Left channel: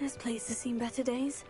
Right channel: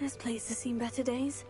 This place has seen better days.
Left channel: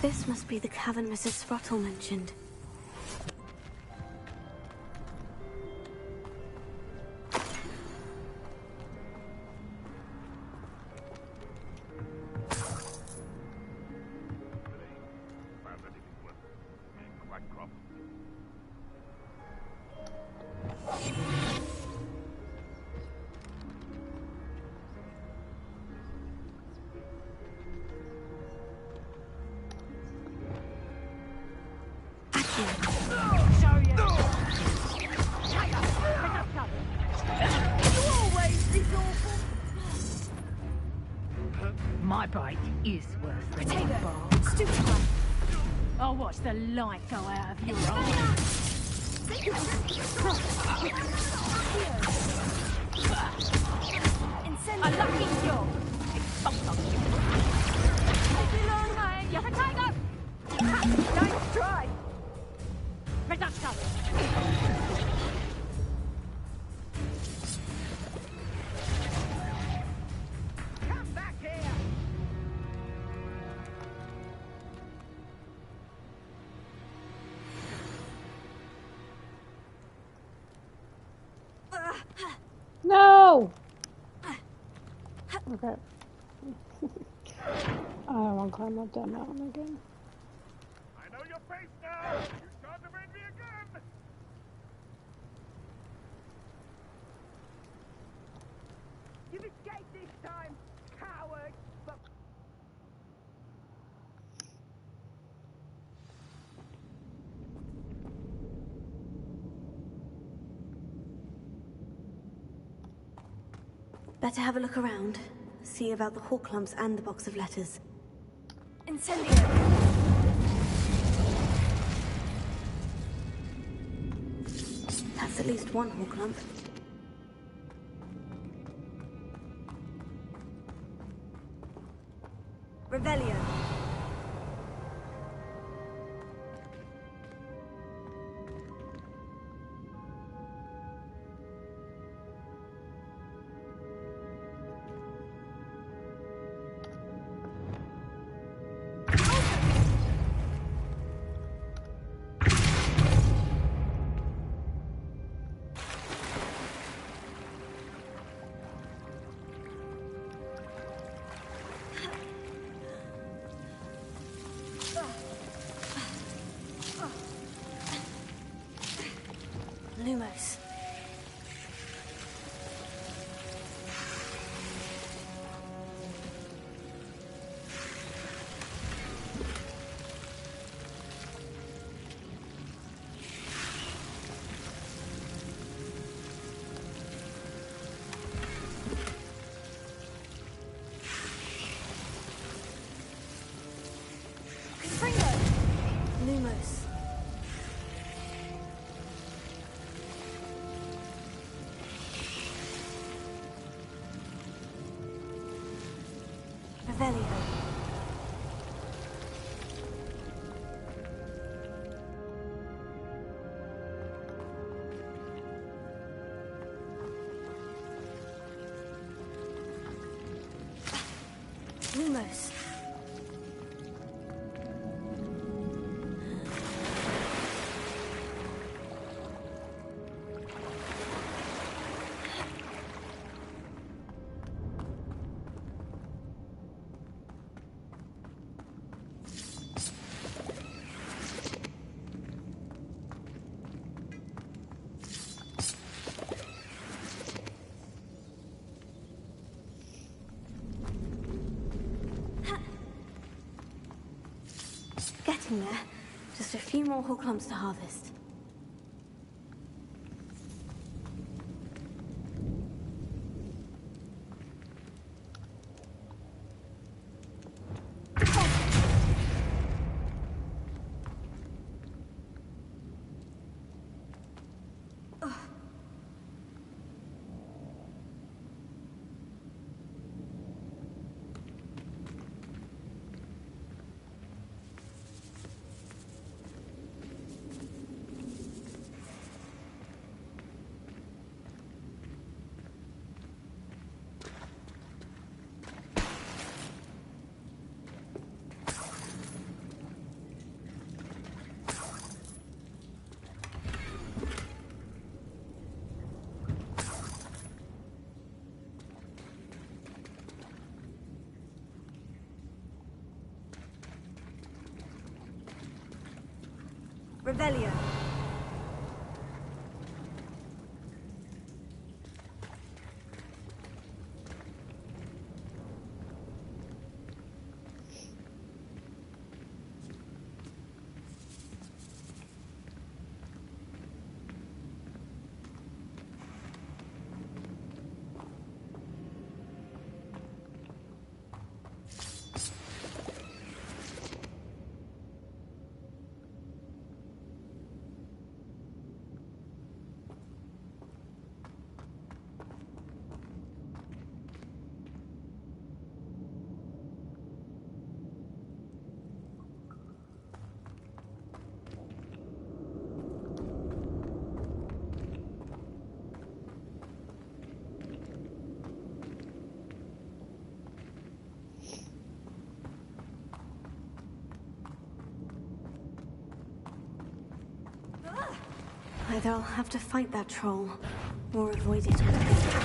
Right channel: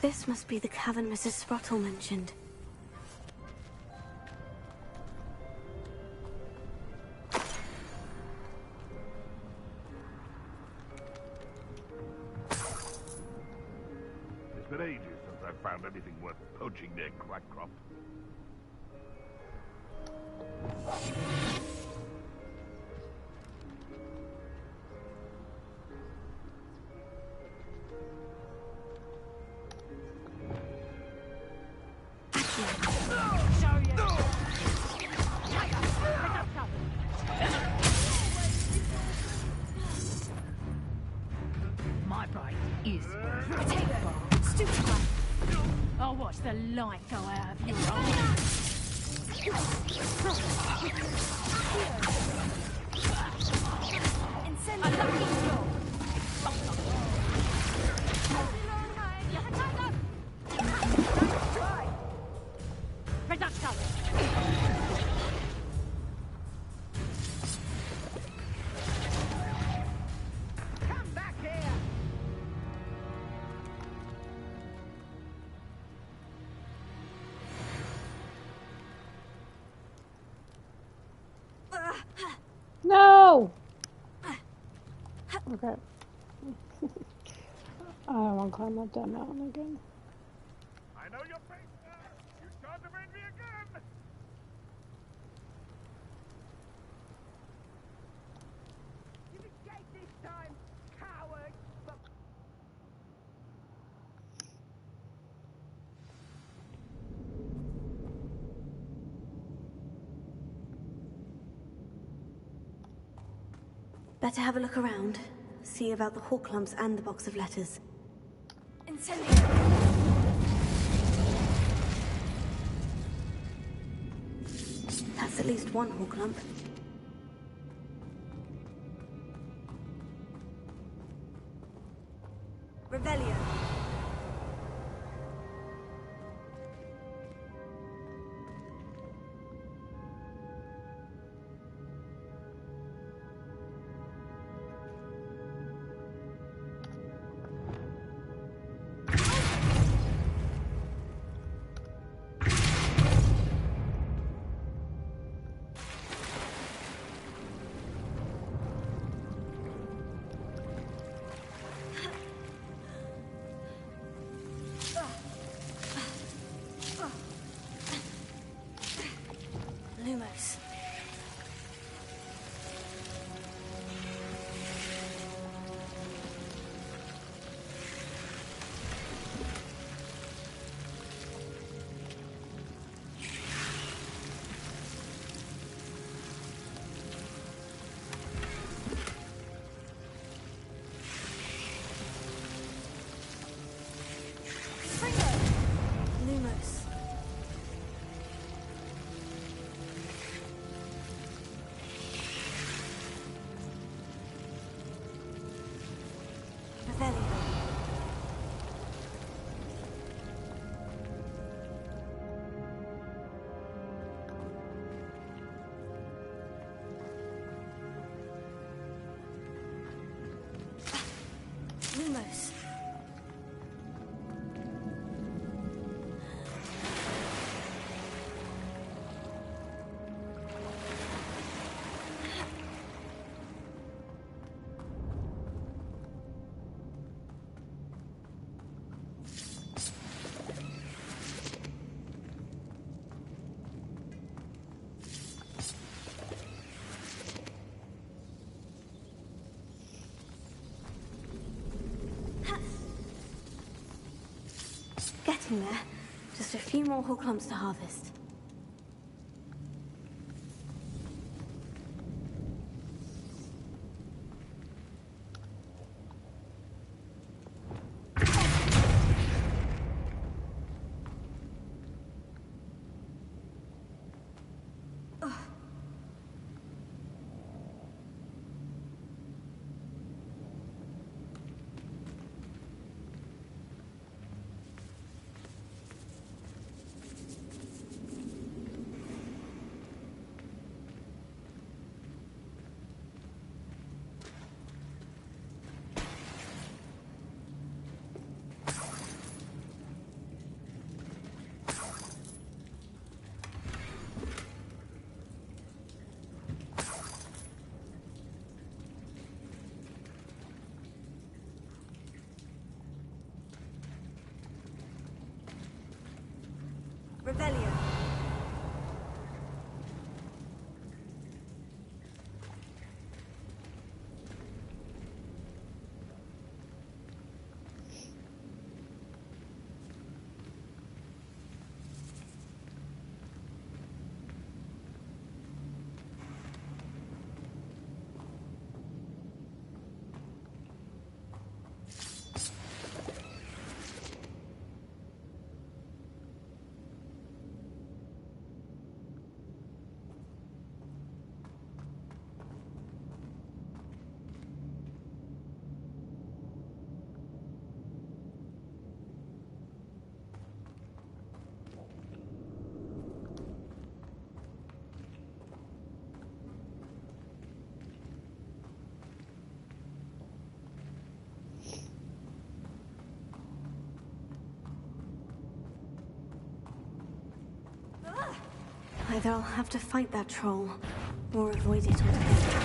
This must be the cavern Mrs. Sprottle mentioned. It's been ages since I've found anything worth poaching near Quackcroft. My bite is worth potato. I'll watch the light go out of your eyes. A lucky dog. Don't try. Reduction. Come back here. No! Okay. I don't want to climb up that mountain again. I know your face now! You can't evade me again! You've escaped this time, coward! But Better have a look around. See about the hawk lumps and the box of letters. Incendio! That's at least one hawk lump. Revelio. Lumos. close. Getting there. Just a few more hook lumps to harvest. Revelio. Either I'll have to fight that troll, or avoid it altogether.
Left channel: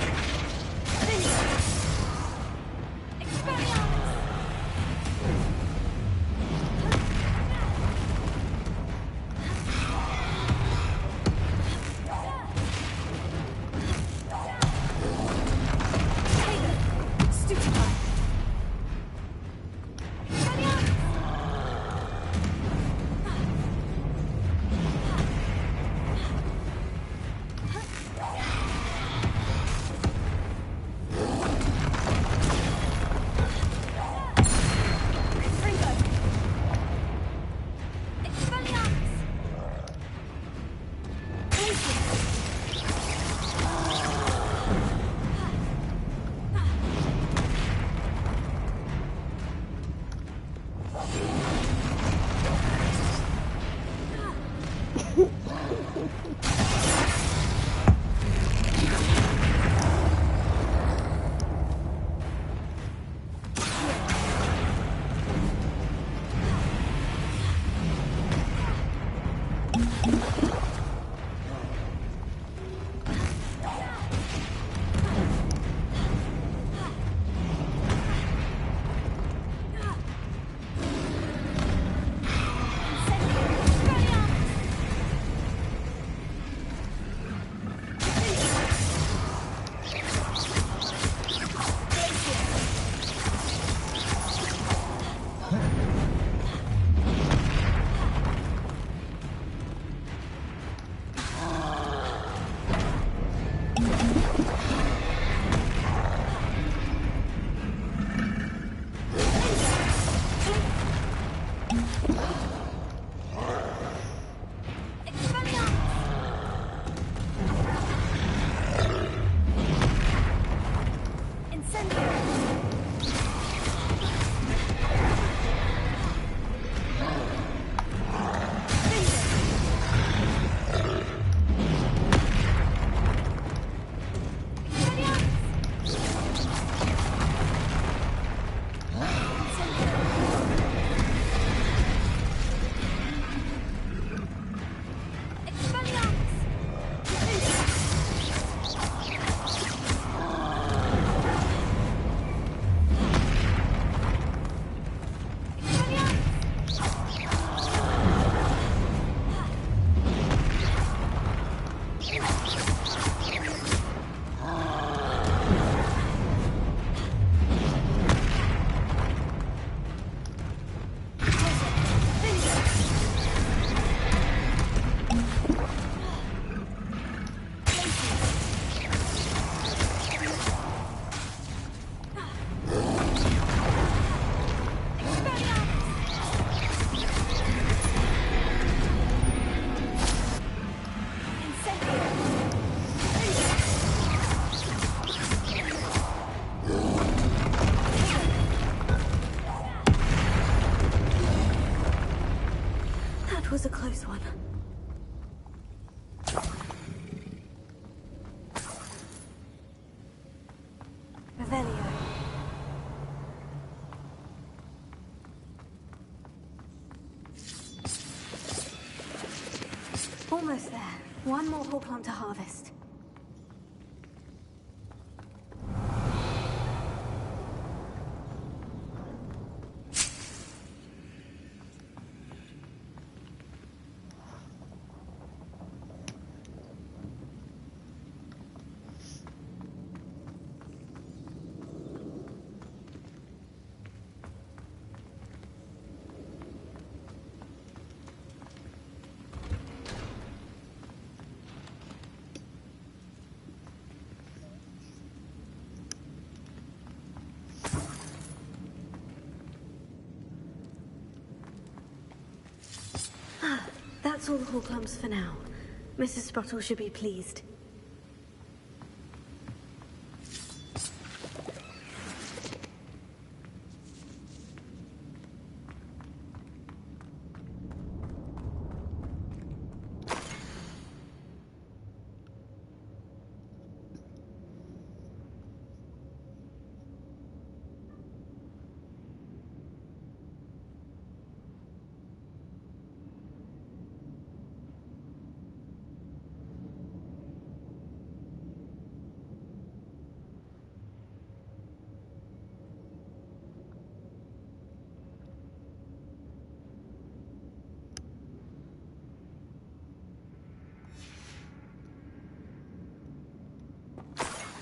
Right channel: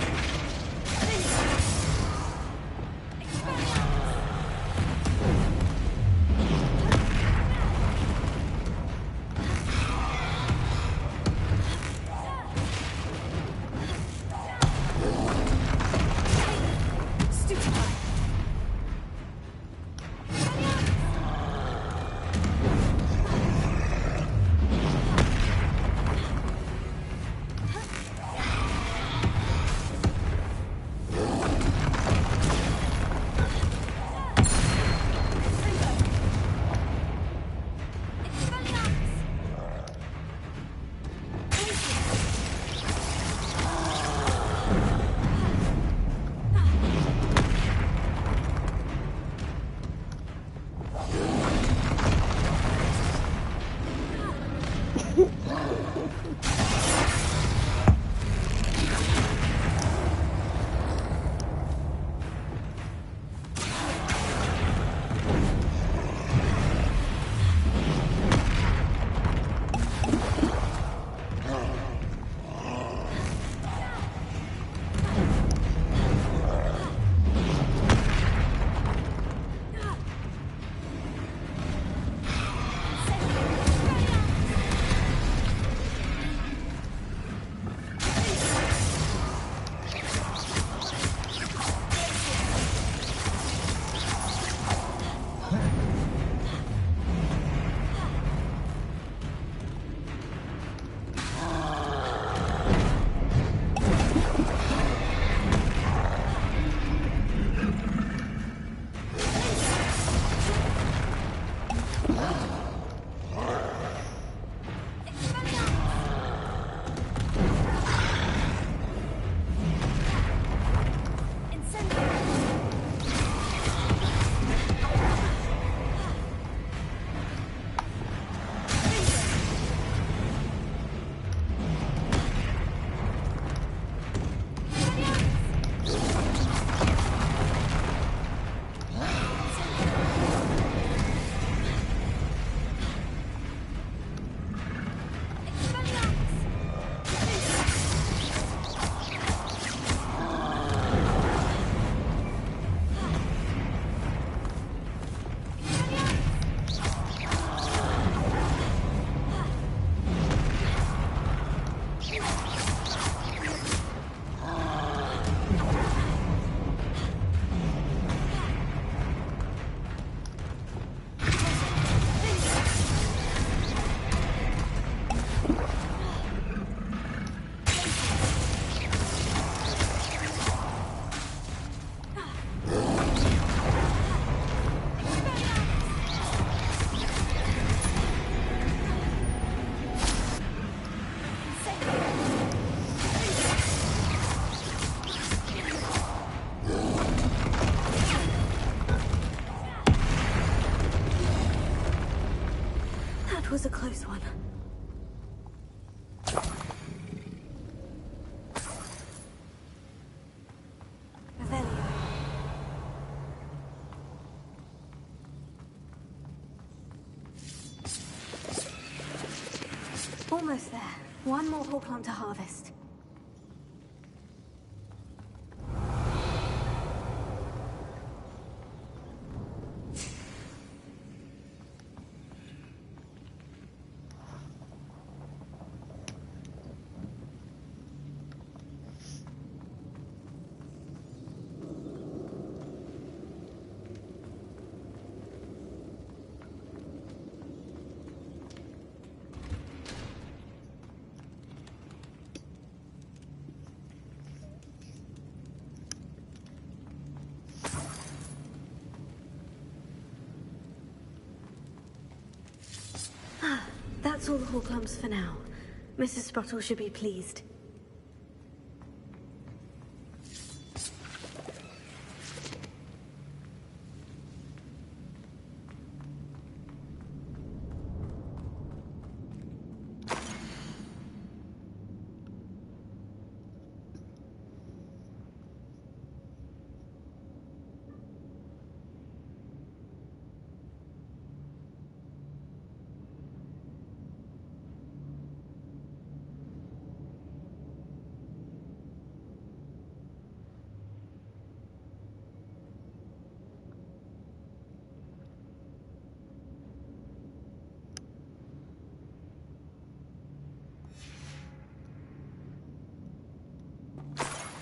close one. Revelio. Almost there. One more Horklump to harvest. That's all the Horklumps for now. Mrs. Sprottle should be pleased.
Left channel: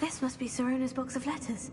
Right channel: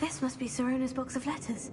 This must be Sirona's box of letters.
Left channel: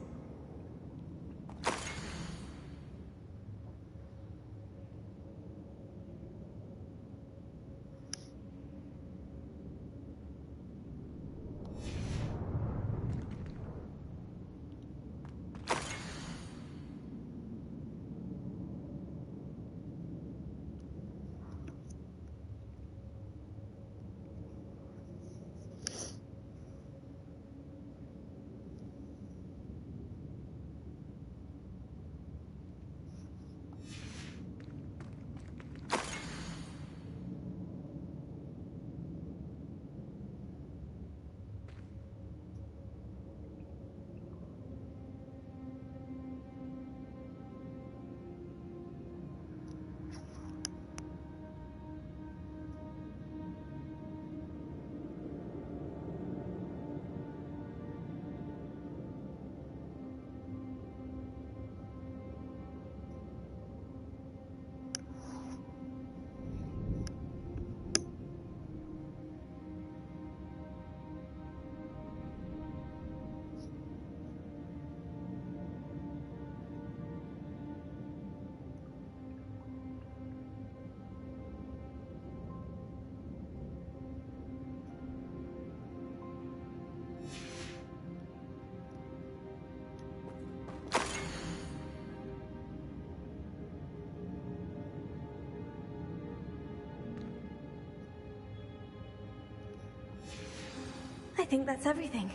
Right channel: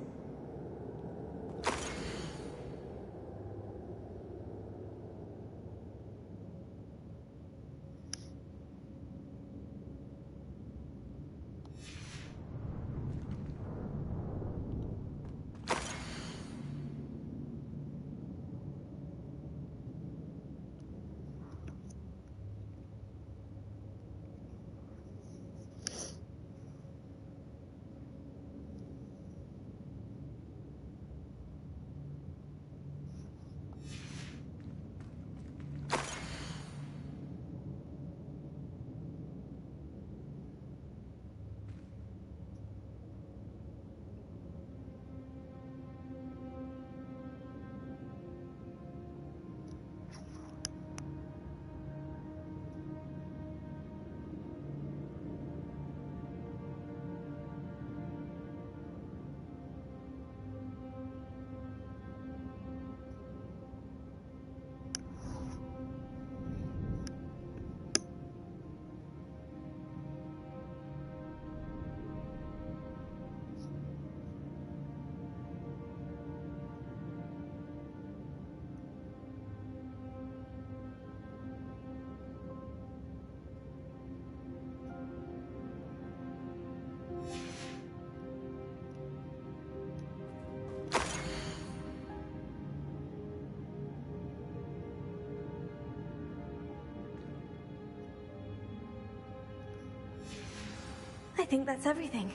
I think that's everything.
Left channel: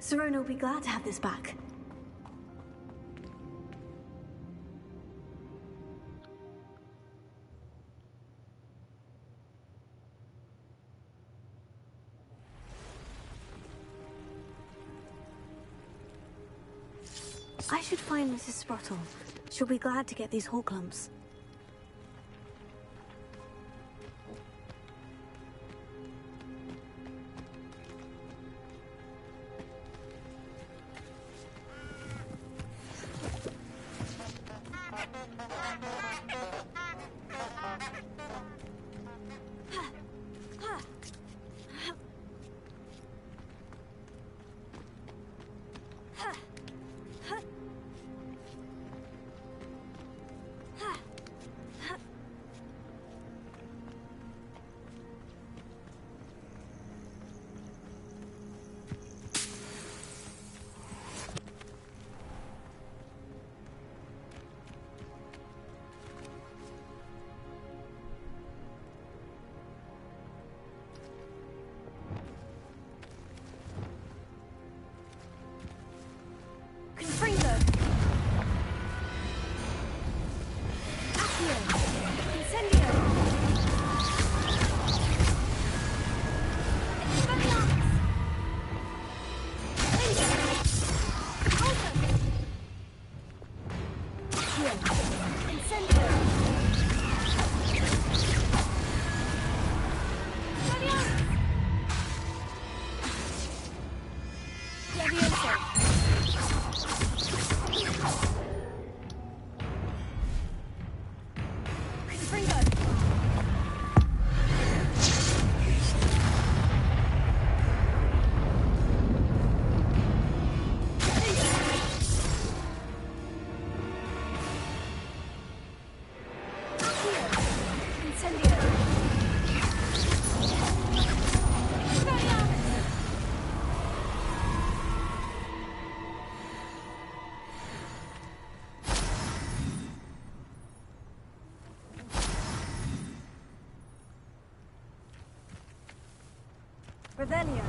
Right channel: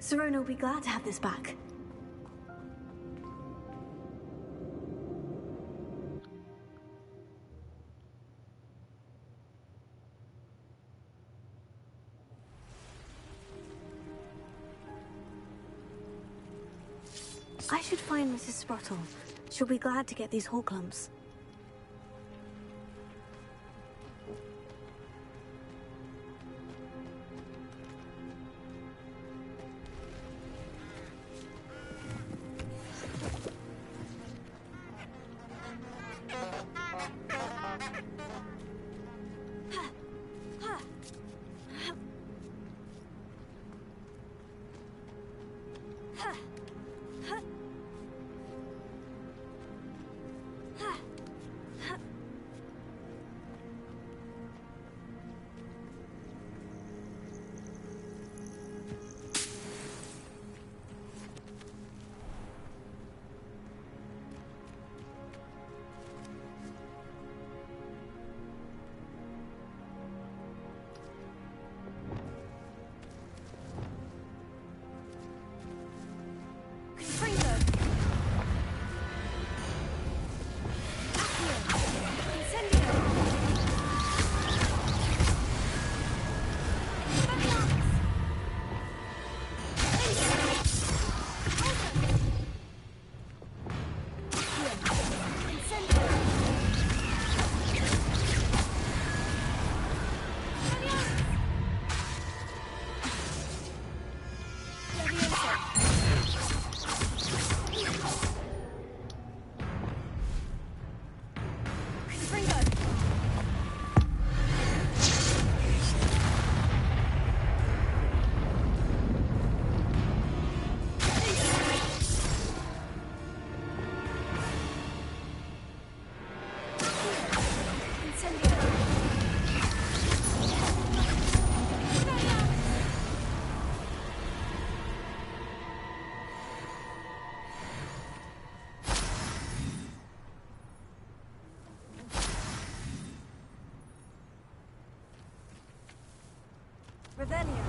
Sirona will be glad to have this back. I should find Mrs. Sprottle. She'll be glad to get these Horklumps. Revelio.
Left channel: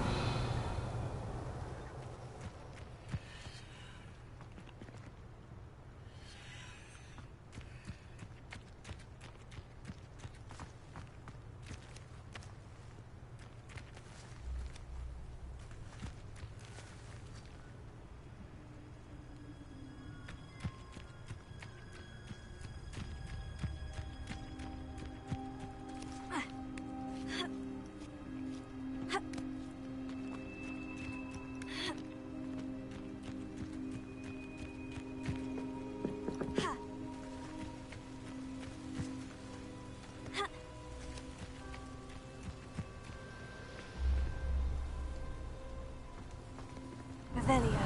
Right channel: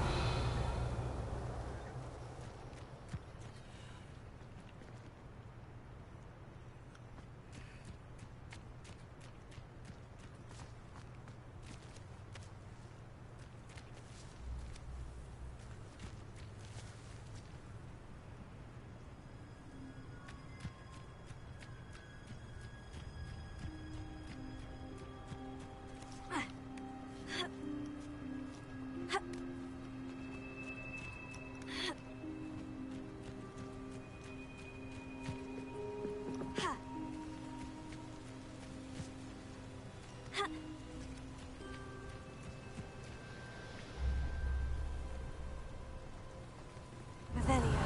Revelio.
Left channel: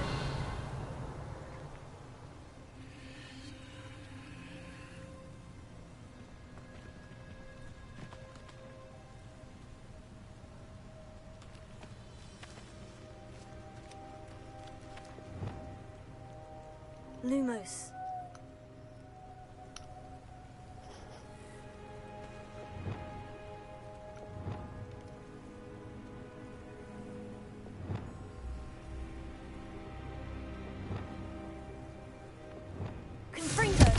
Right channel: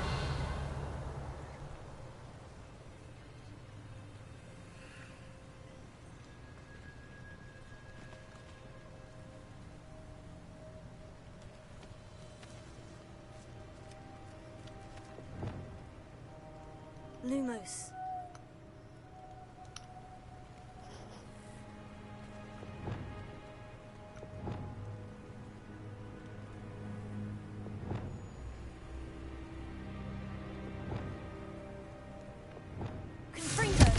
Lumos. Confringo.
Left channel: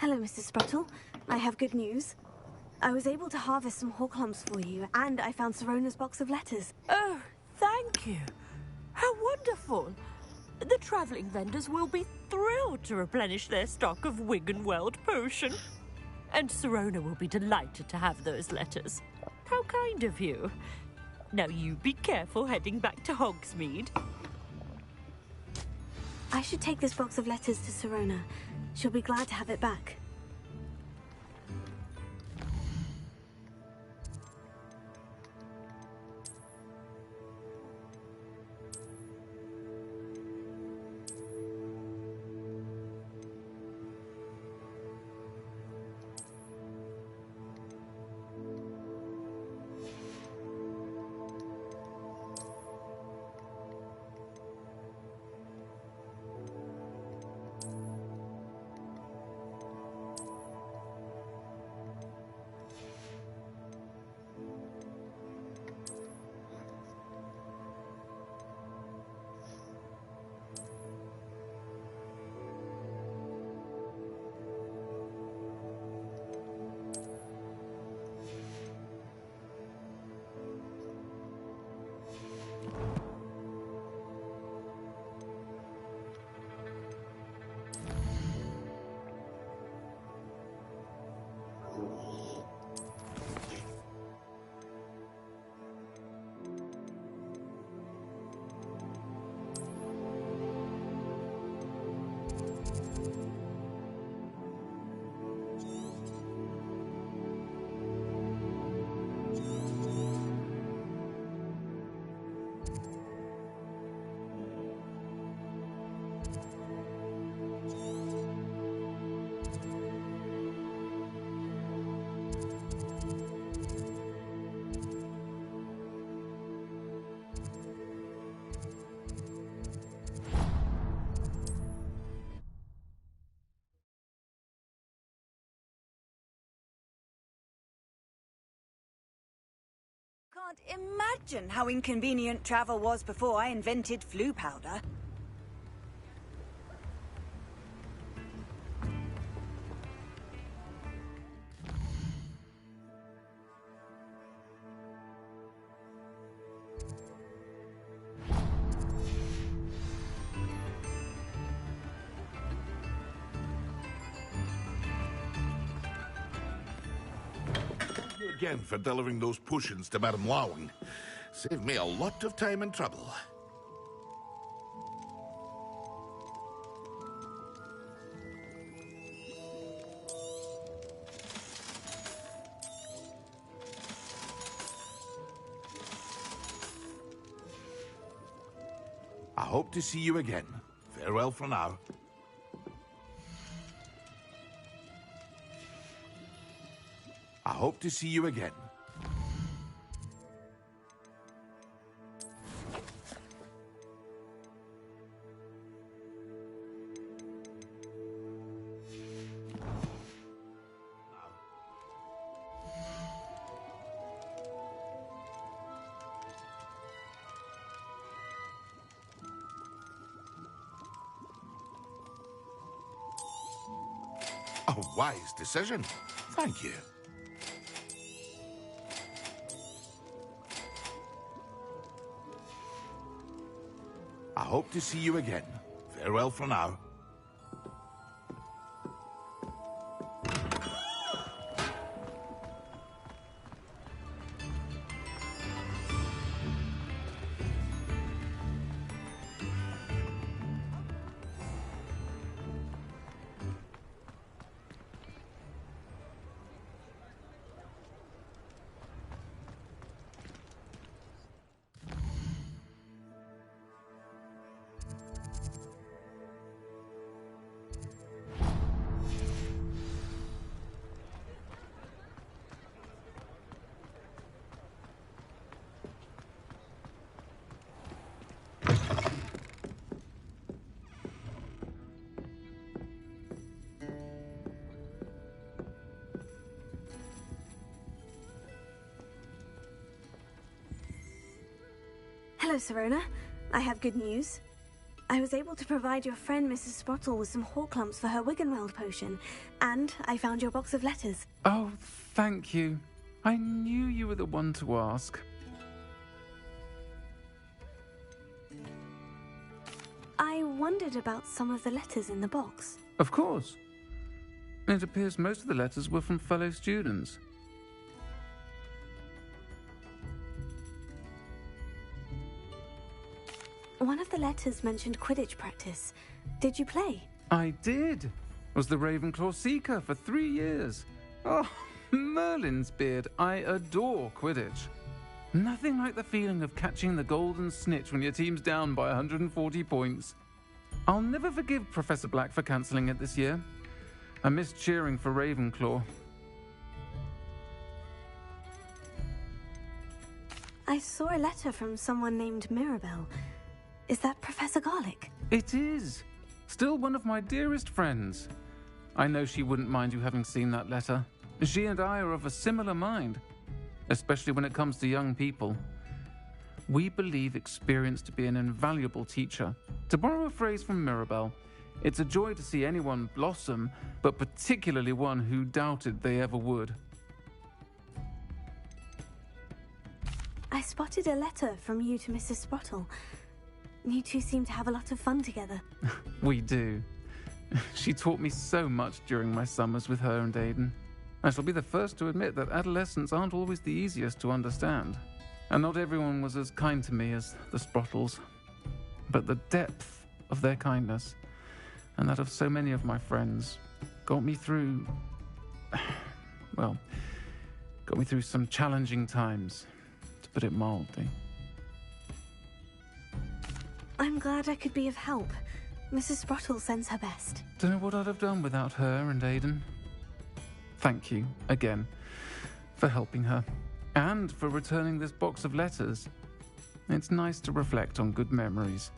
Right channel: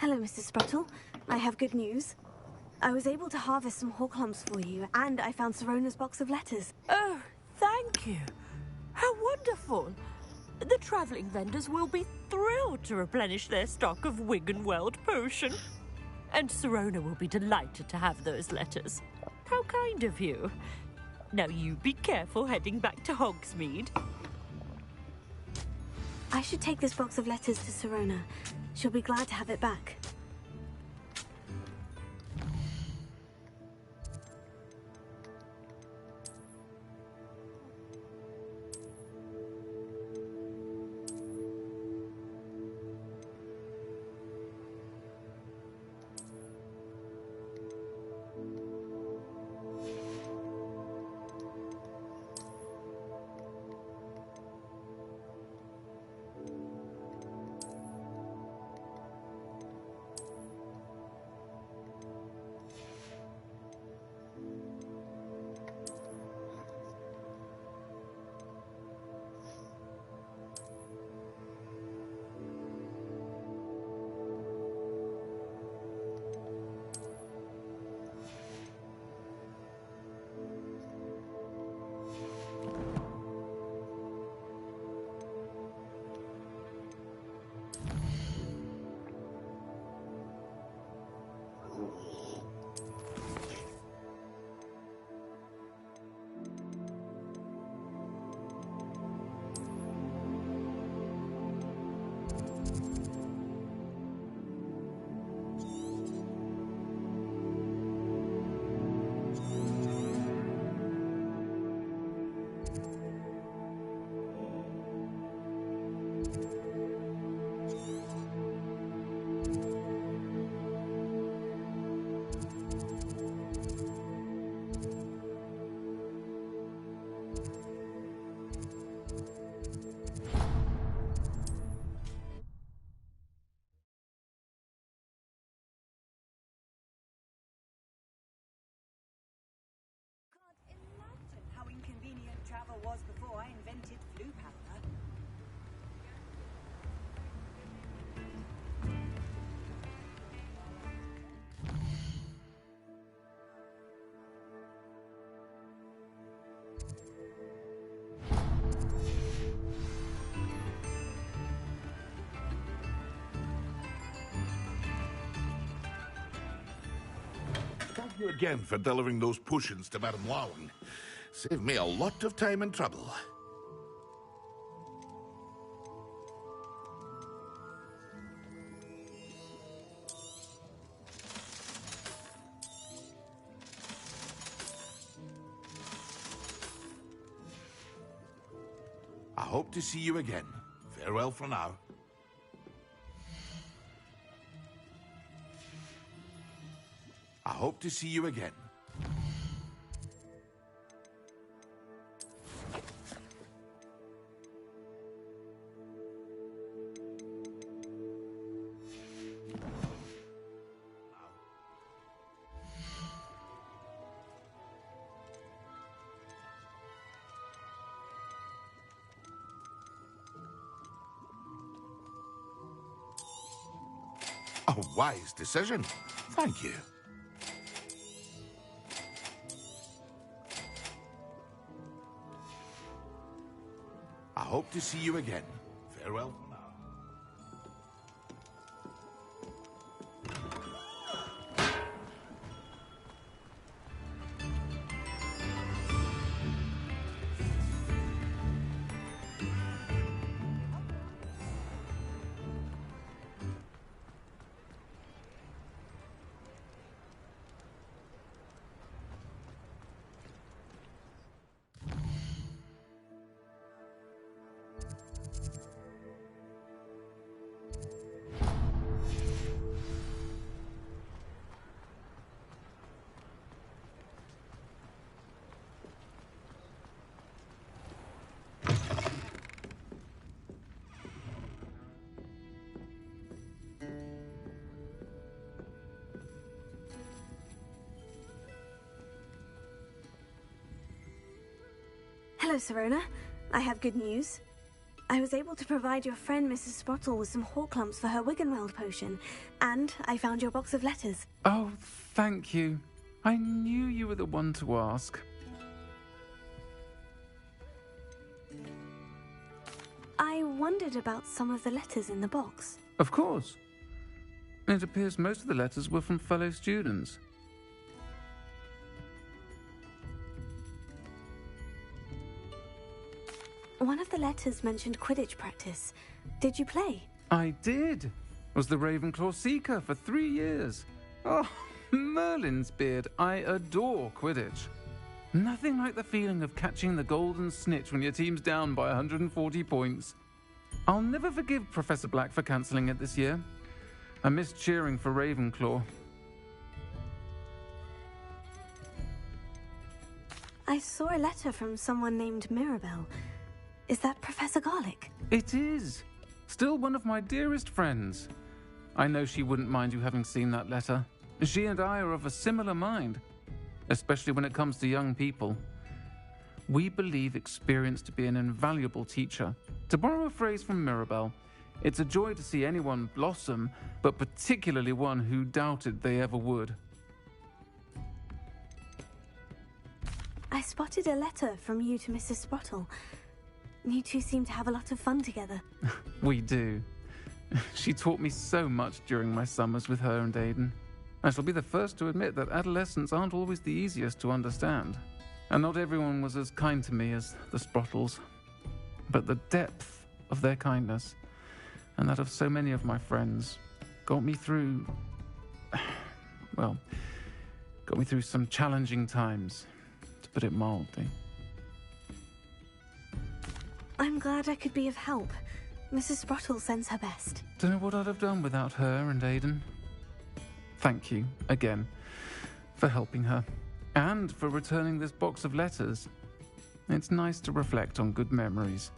Hello, Mr. Spruttle. I have good news. I was able to harvest some Horklumps for you, and I found Sirona's box of letters. Oh, thank you. How wonderful. The travelling vendors will be thrilled to replenish their stock of Wiggenweld potion. And Sirona will be delighted to have those letters. How kind of you. Now you be careful heading back to Hogsmeade. I should take this box of letters to Sirona. She'll be glad to have it back. Can't imagine how inconvenient travel was before I invented flu powder. you again for delivering those potions to Madame Lawing. Saved me a lot of time and trouble. I hope to see you again. Farewell for now. I hope to see you again. A wise decision. Thank you. I hope to see you again. Farewell for now. Hello, Serona. I have good news. I was able to provide your friend Mrs. Sprottle with some Horklumps for her Wiggenweld potion, and I found your box of letters. Oh, thank you. I knew you were the one to ask. I wondered about some of the letters in the box. Of course. It appears most of the letters were from fellow students. One of the letters mentioned Quidditch practice. Did you play? I did. Was the Ravenclaw Seeker for 3 years. Oh, Merlin's beard. I adore Quidditch. Nothing like the feeling of catching the golden snitch when your team's down by 140 points. I'll never forgive Professor Black for cancelling it this year. I missed cheering for Ravenclaw. I saw a letter from someone named Mirabelle. Is that Professor Garlick? It is. Still one of my dearest friends. I know she wouldn't mind you having seen that letter. She and I are of a similar mind, especially when it comes to young people. We believe experience to be an invaluable teacher. To borrow a phrase from Mirabelle, it's a joy to see anyone blossom, but particularly one who doubted they ever would. I spotted a letter from you to Mrs. Sprottle. You two seem to have a lot of fun together. We do. She taught me so much during my summers with her and Aidan. I shall be the first to admit that adolescents aren't always the easiest to understand. And not everyone was as kind to me as the Sprottles. But the depth of their kindness, and that of so many of my friends, got me through... well, got me through some challenging times, to put it mildly. I'm glad I could be of help. Mrs. Sprottle sends her best. Don't know what I'd have done without her and Aidan. Thank you, again, for helping her, and for returning this box of letters. It's nice to reflect on good memories.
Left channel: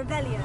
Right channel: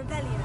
Rebellion.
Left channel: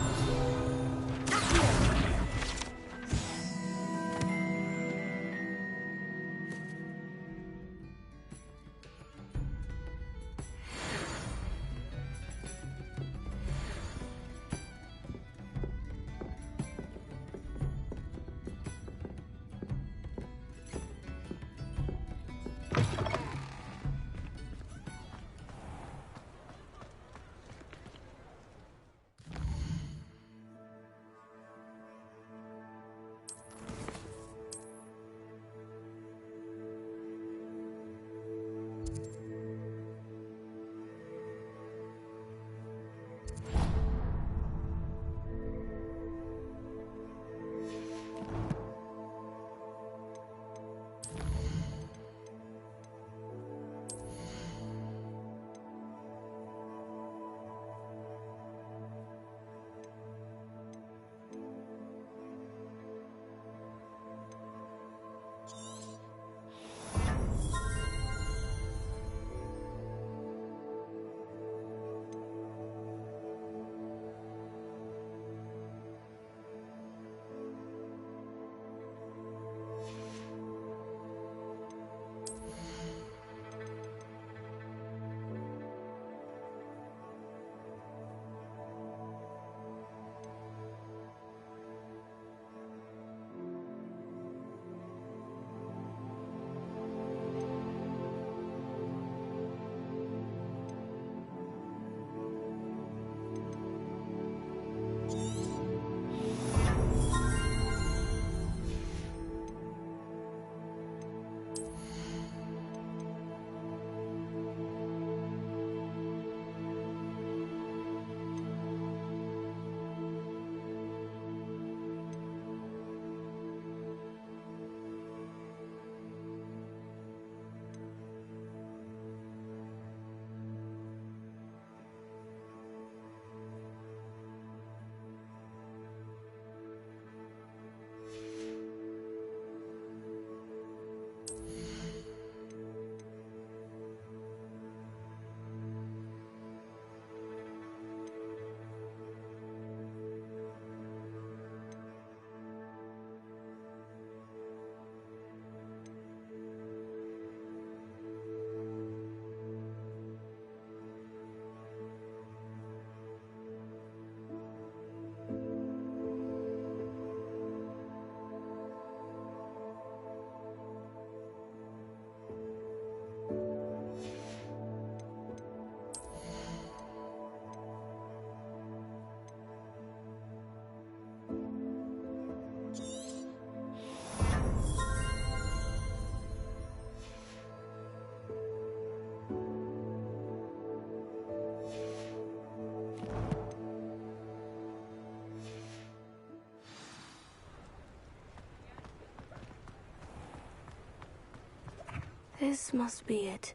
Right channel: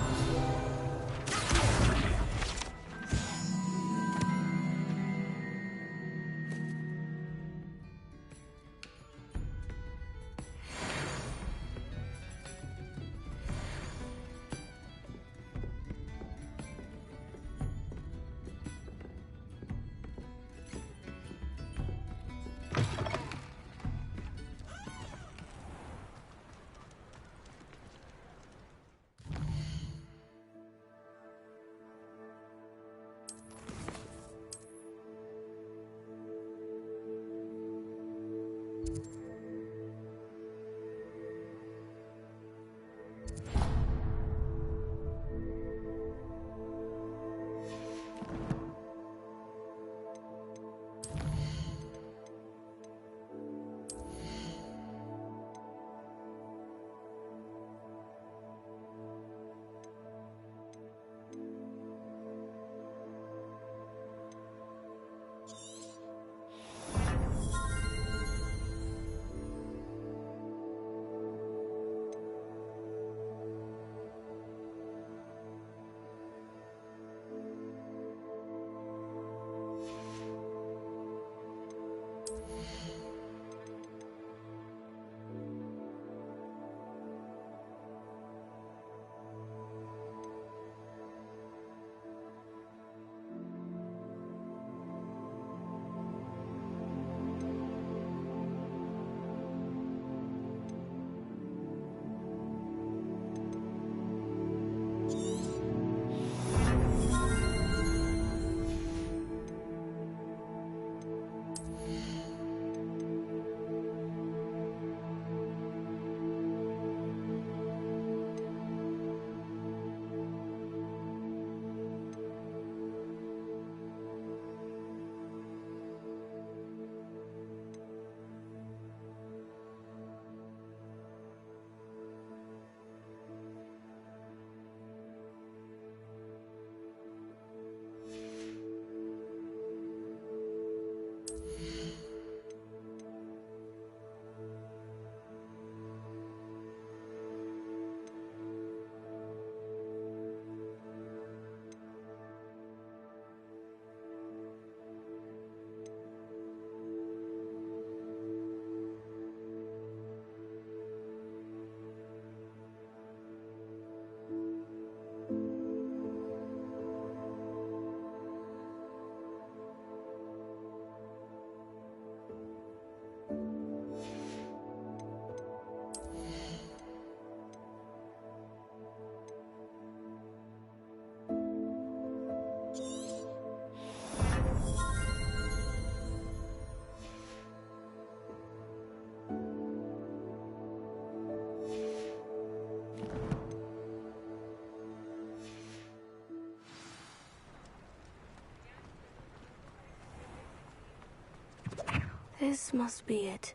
This must be it.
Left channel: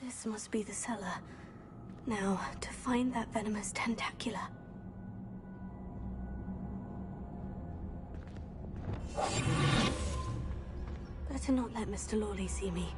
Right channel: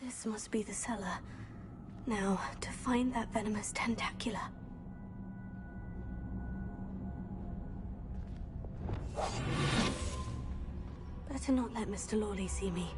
This must be the cellar. Now, to find that venomous tentacula. Better not let Mr. Lawley see me.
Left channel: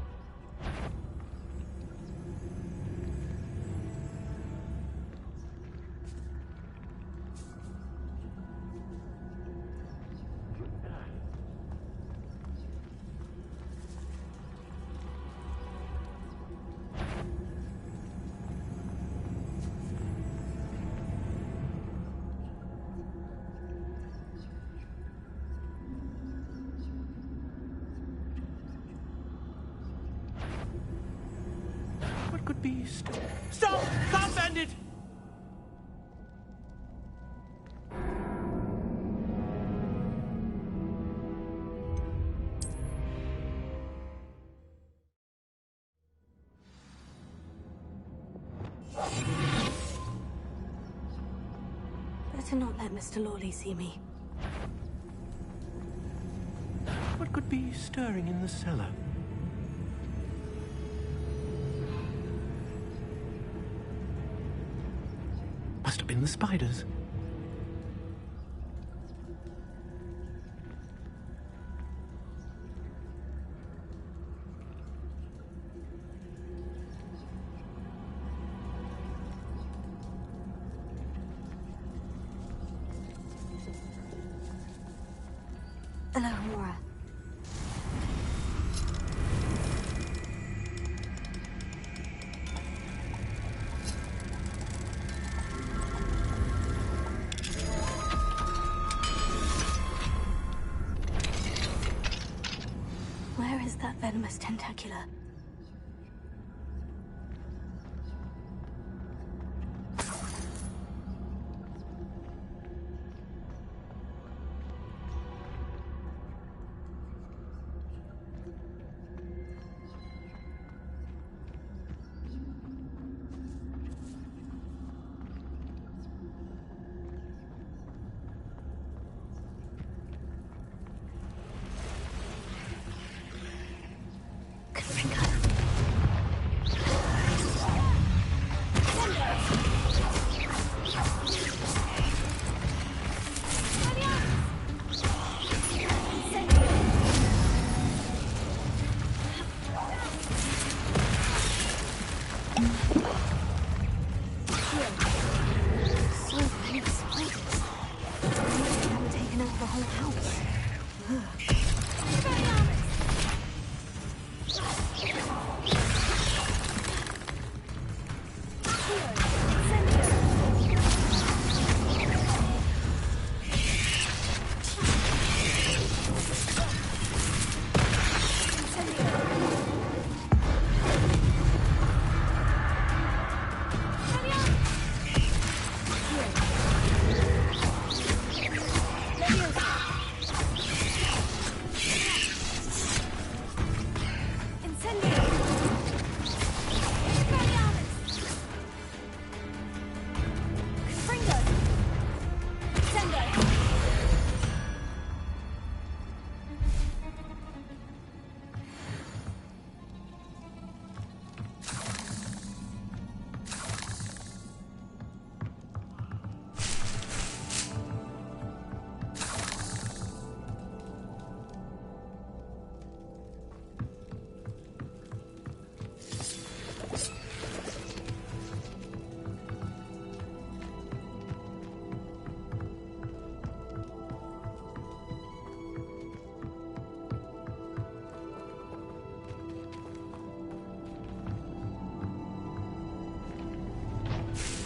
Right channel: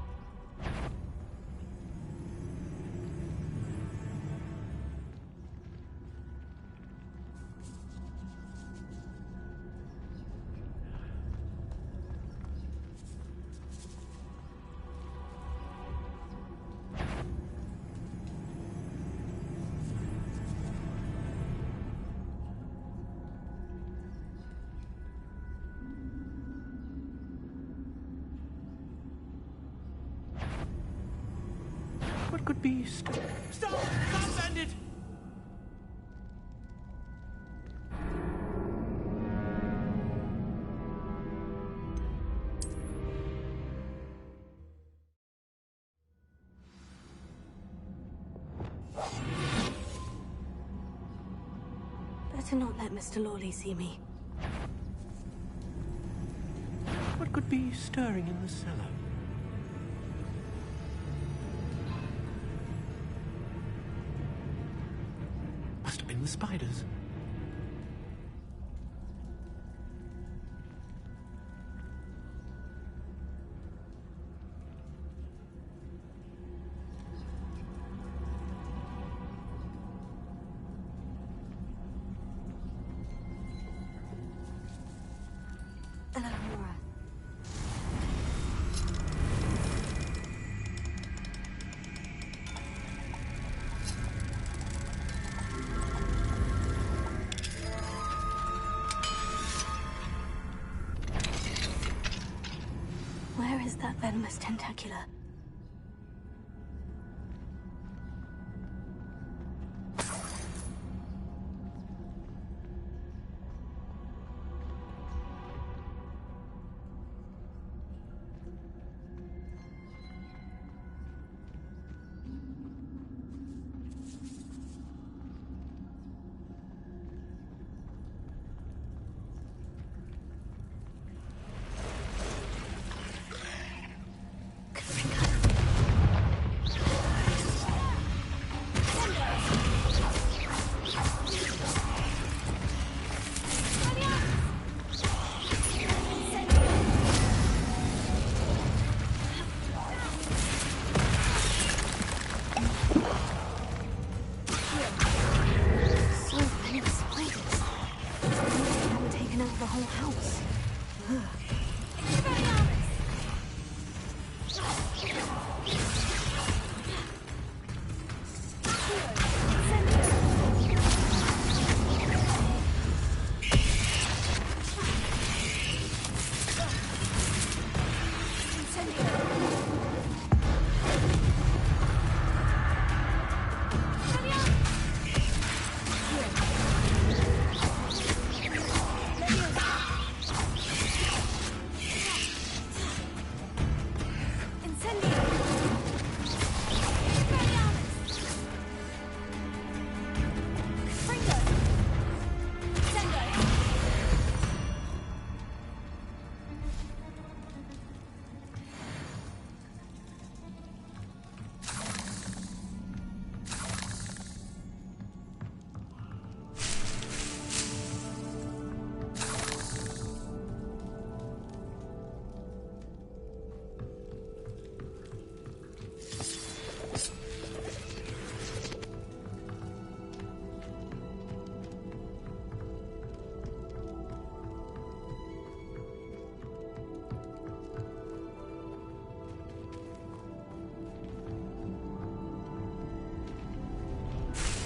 What could be... Stop! Stop, bandit! Better not let Mr. Lawley see me. What could be stirring in the cellar? Must have been the spiders. venomous tentacula.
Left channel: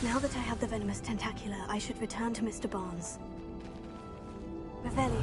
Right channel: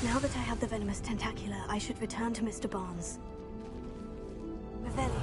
Now that I have the venomous tentacula, I should return to Mr. Barnes. Revelio.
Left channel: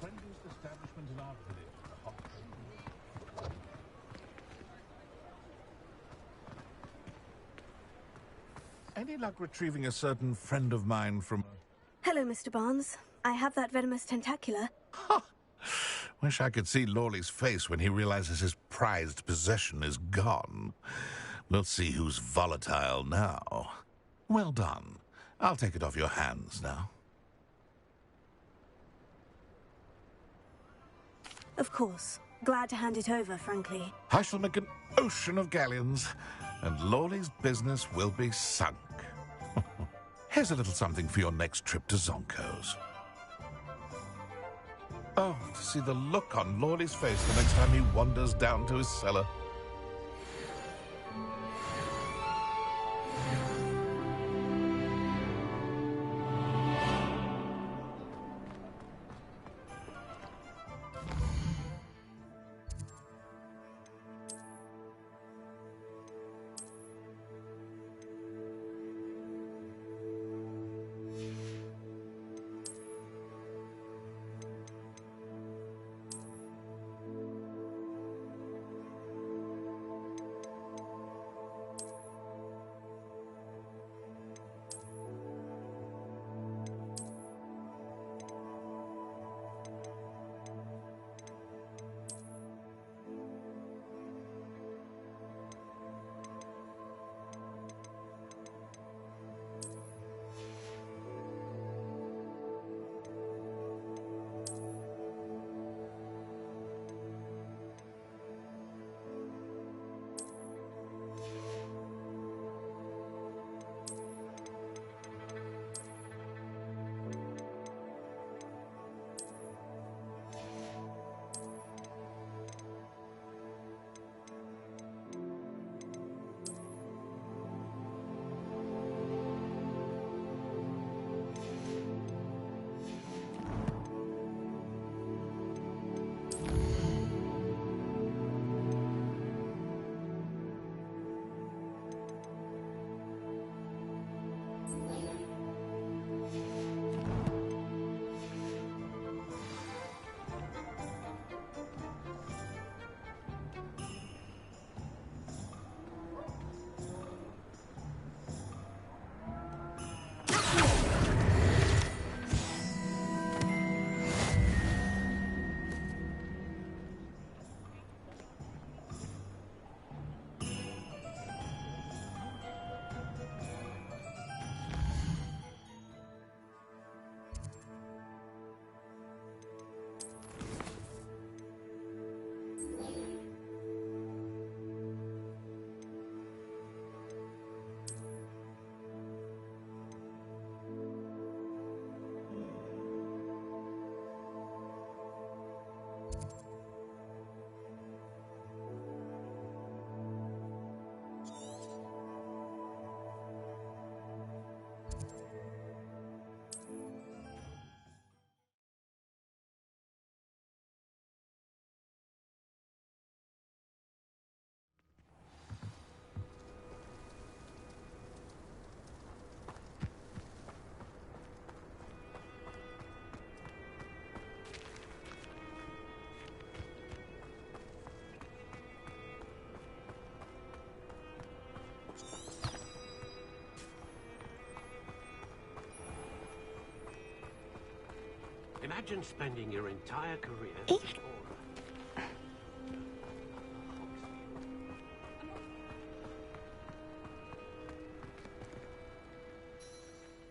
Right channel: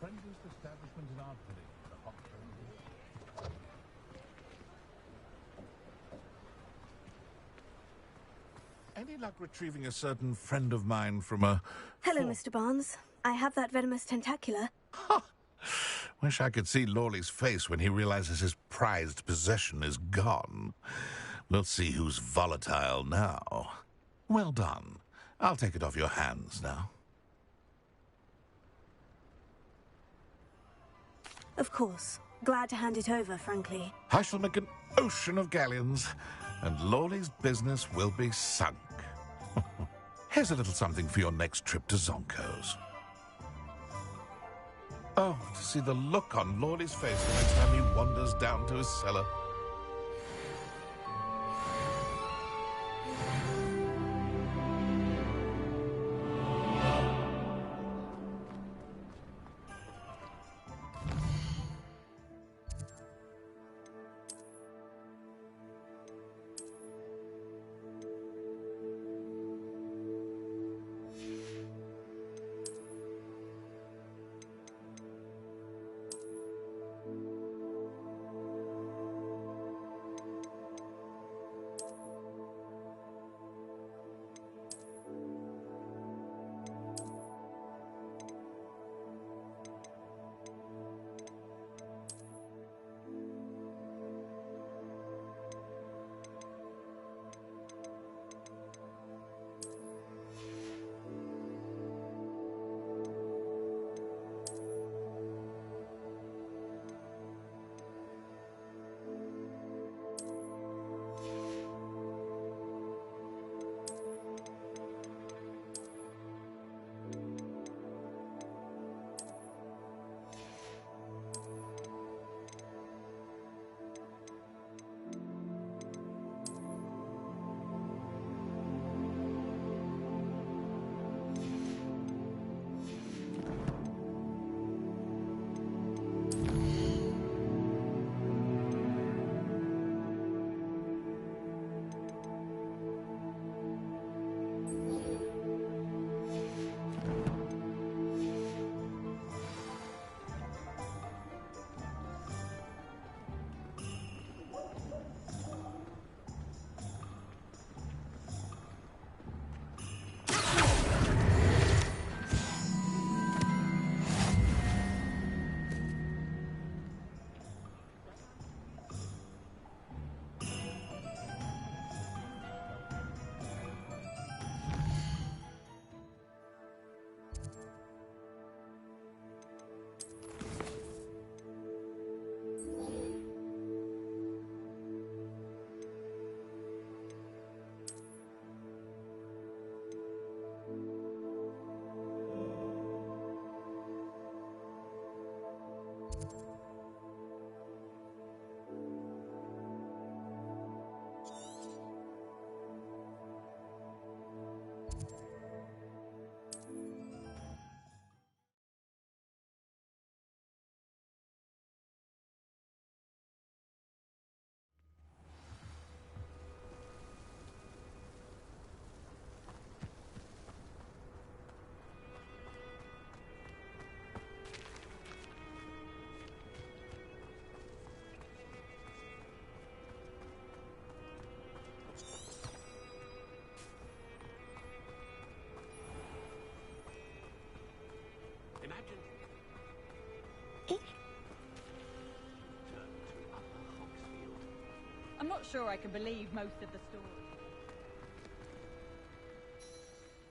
Friendliest establishment in our village, the Hogwarts. Any luck retrieving a certain friend of mine from a... Hello, Mr. Barnes. I have that venomous tentacula. Wish I could see Lawley's face when he realizes his prized possession is gone. We'll see who's volatile now. Well done. I'll take it off your hands now. Of course. Glad to hand it over, frankly. I shall make an ocean of galleons, and Lawley's business will be sunk. Here's a little something for your next trip to Zonko's. Oh, to see the look on Lawley's face the next time he wanders down to his cellar. Imagine spending your entire career Eek. in Aura. I'm not sure I can believe most of the story.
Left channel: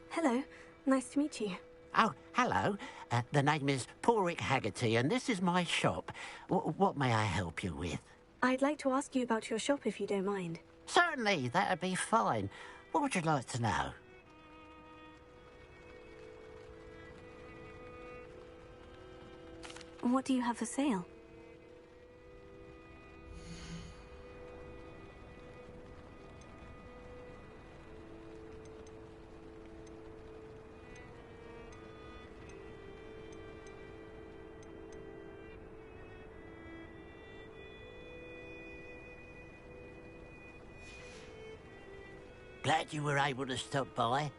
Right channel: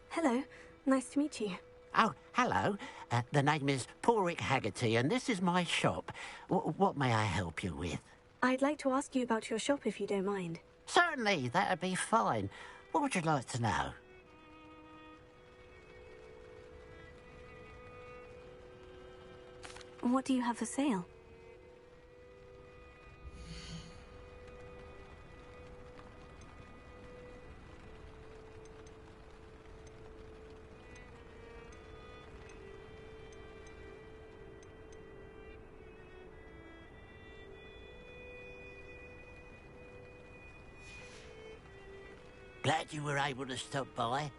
Hello. Nice to meet you. Oh, hello. The name is Porrick Haggerty, and this is my shop. What may I help you with? I'd like to ask you about your shop if you don't mind. Certainly, that'd be fine. What would you like to know? What do you have for sale? Glad you were able to stop by.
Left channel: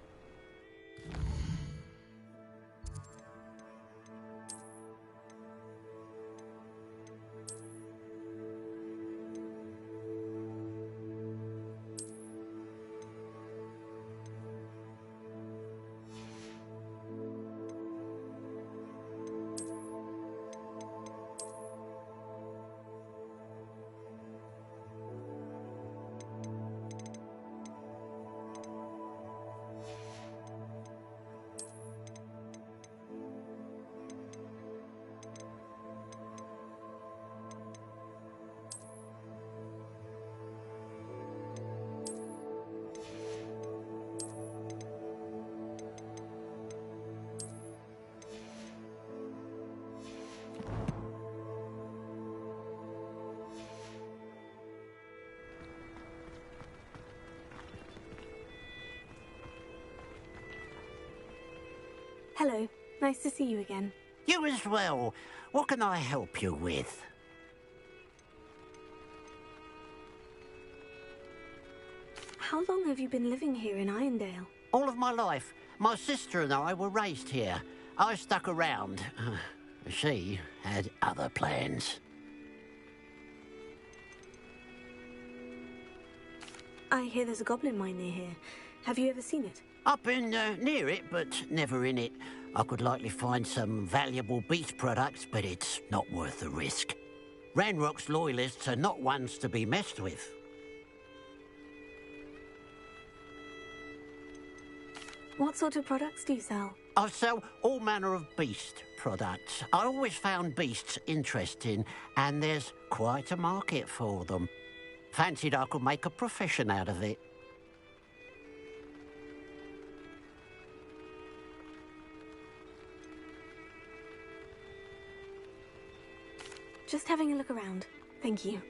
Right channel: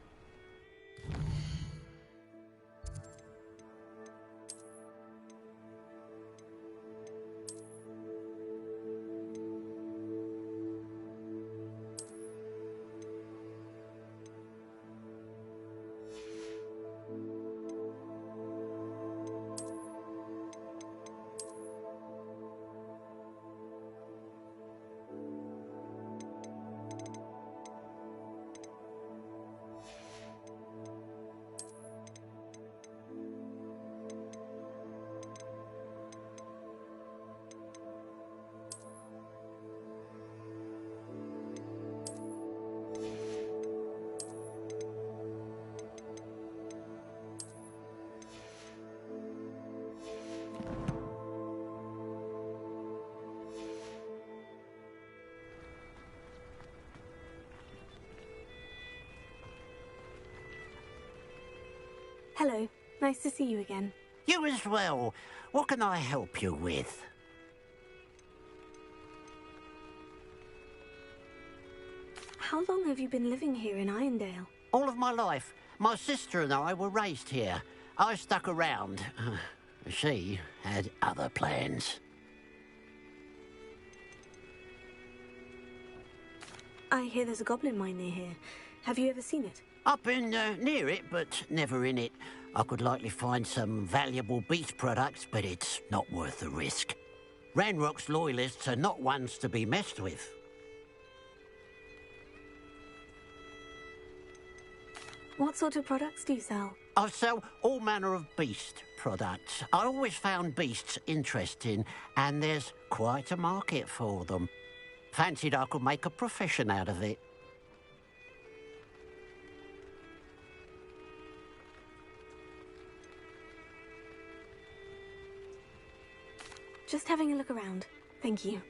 Hello. Nice to see you again. You as well. What can I help you with? How long have you been living here in Irondale? All of my life. My sister and I were raised here. I stuck around. She had other plans. I hear there's a goblin mine near here. Have you ever seen it? I've been near it, but never in it. I could likely find some valuable beast products, but it's not worth the risk. Ranrock's loyalists are not ones to be messed with. What sort of products do you sell? I sell all manner of beast products. I always found beasts interesting, and there's quite a market for them. Fancied I could make a profession out of it. Just having a look around. Thank you.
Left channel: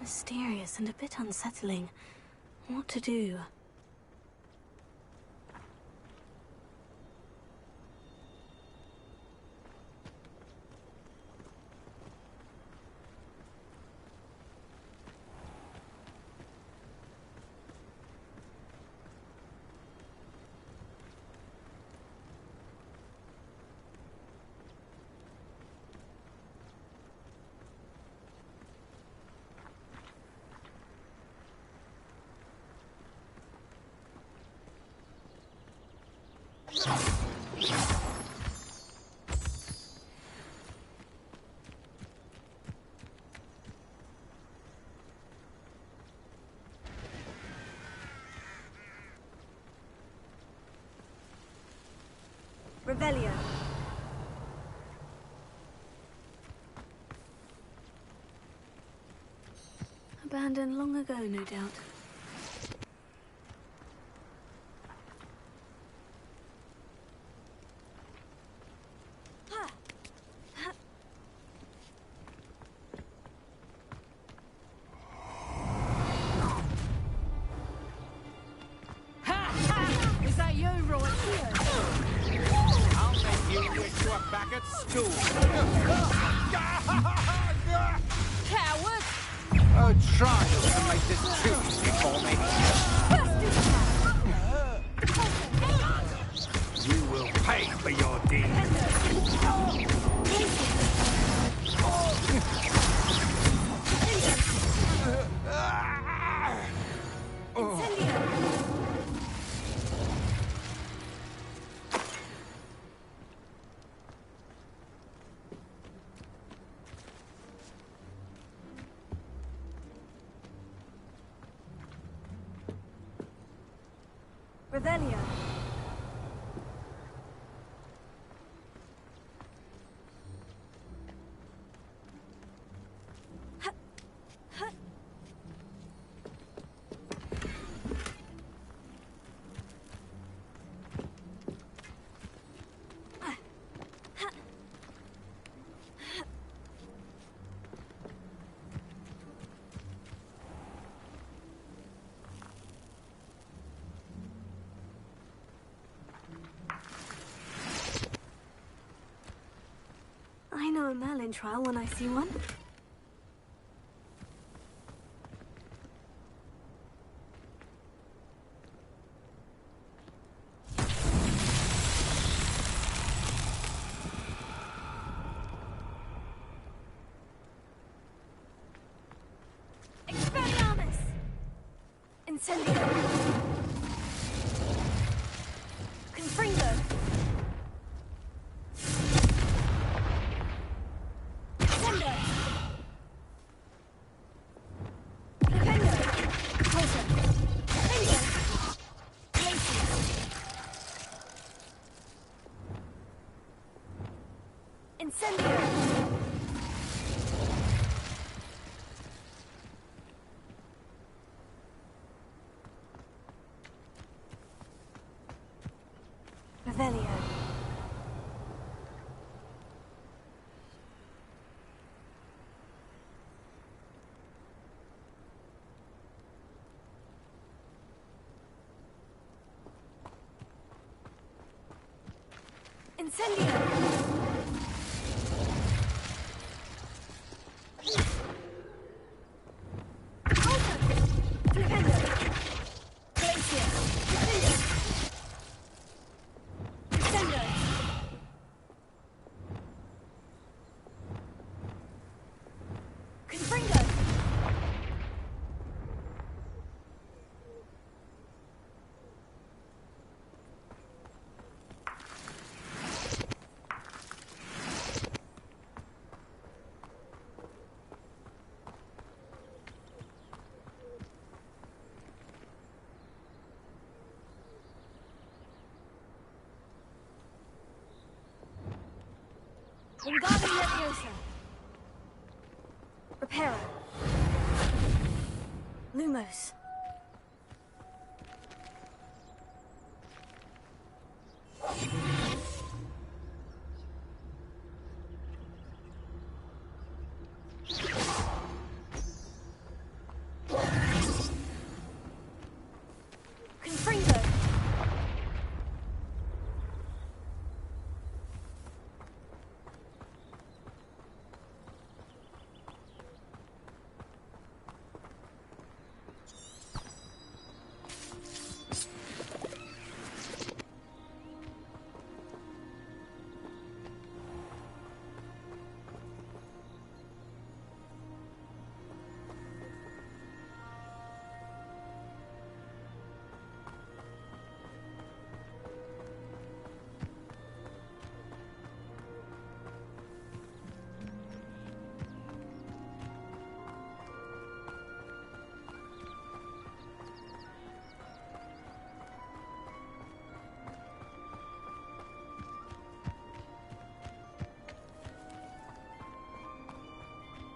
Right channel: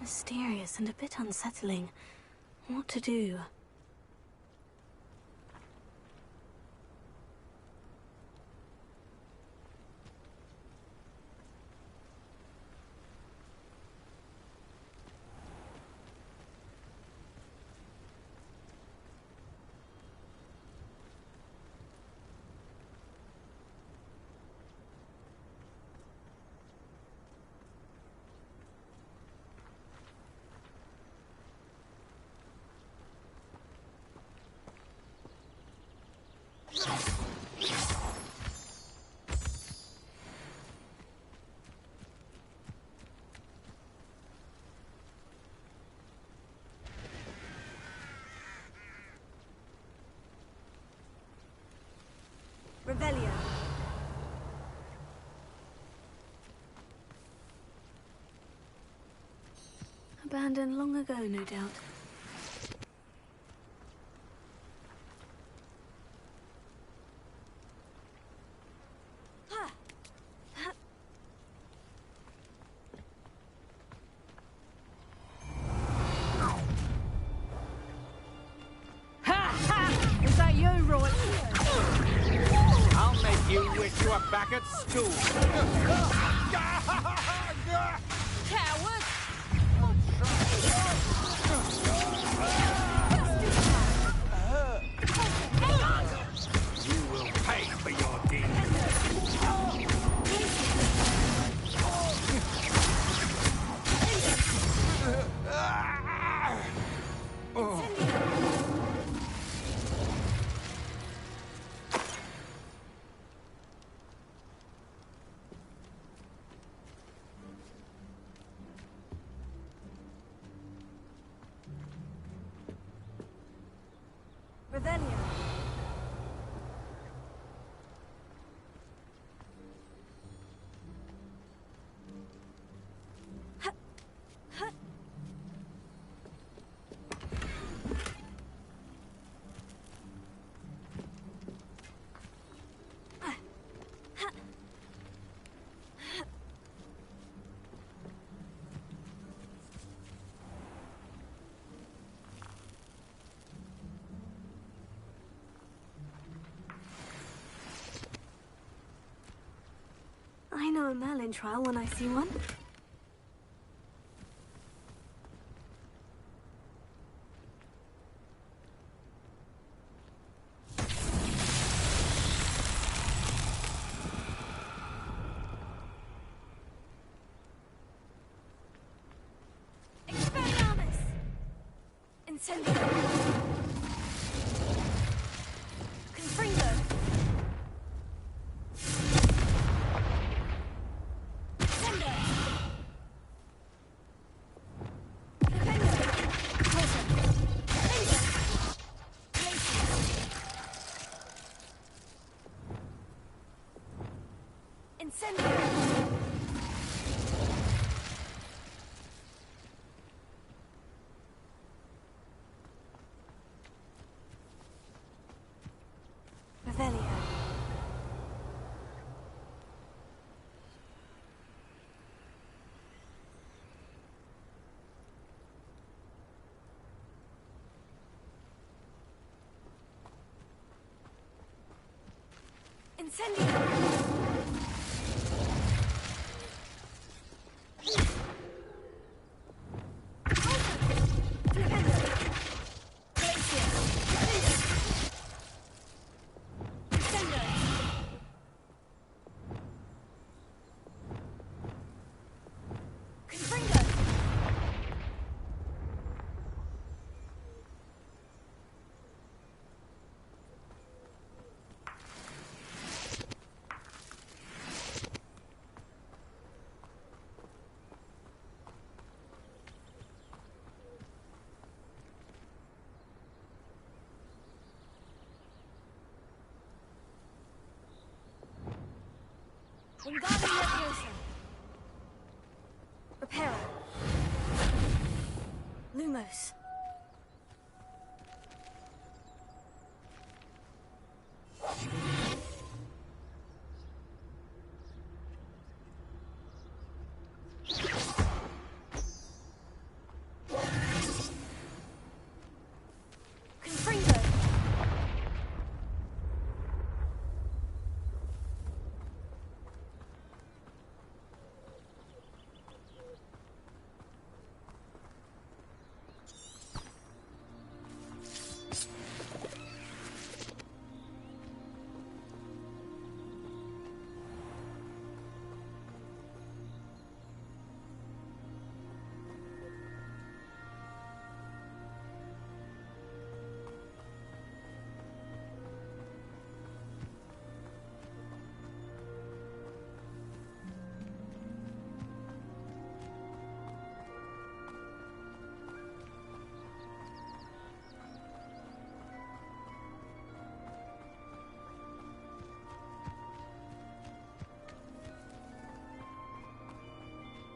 Mysterious and a bit unsettling. What to do? Revelio. Abandoned long ago, no doubt. Is that you, right? I'll make you wish you were back at school. Coward! Oh, try. Revelio. I know a Merlin trial when I see one. Expelliarmus! Incendio! Confringo! Revelio. Incendio! Wingardium Leviosa. Reparo. Lumos. Confringo.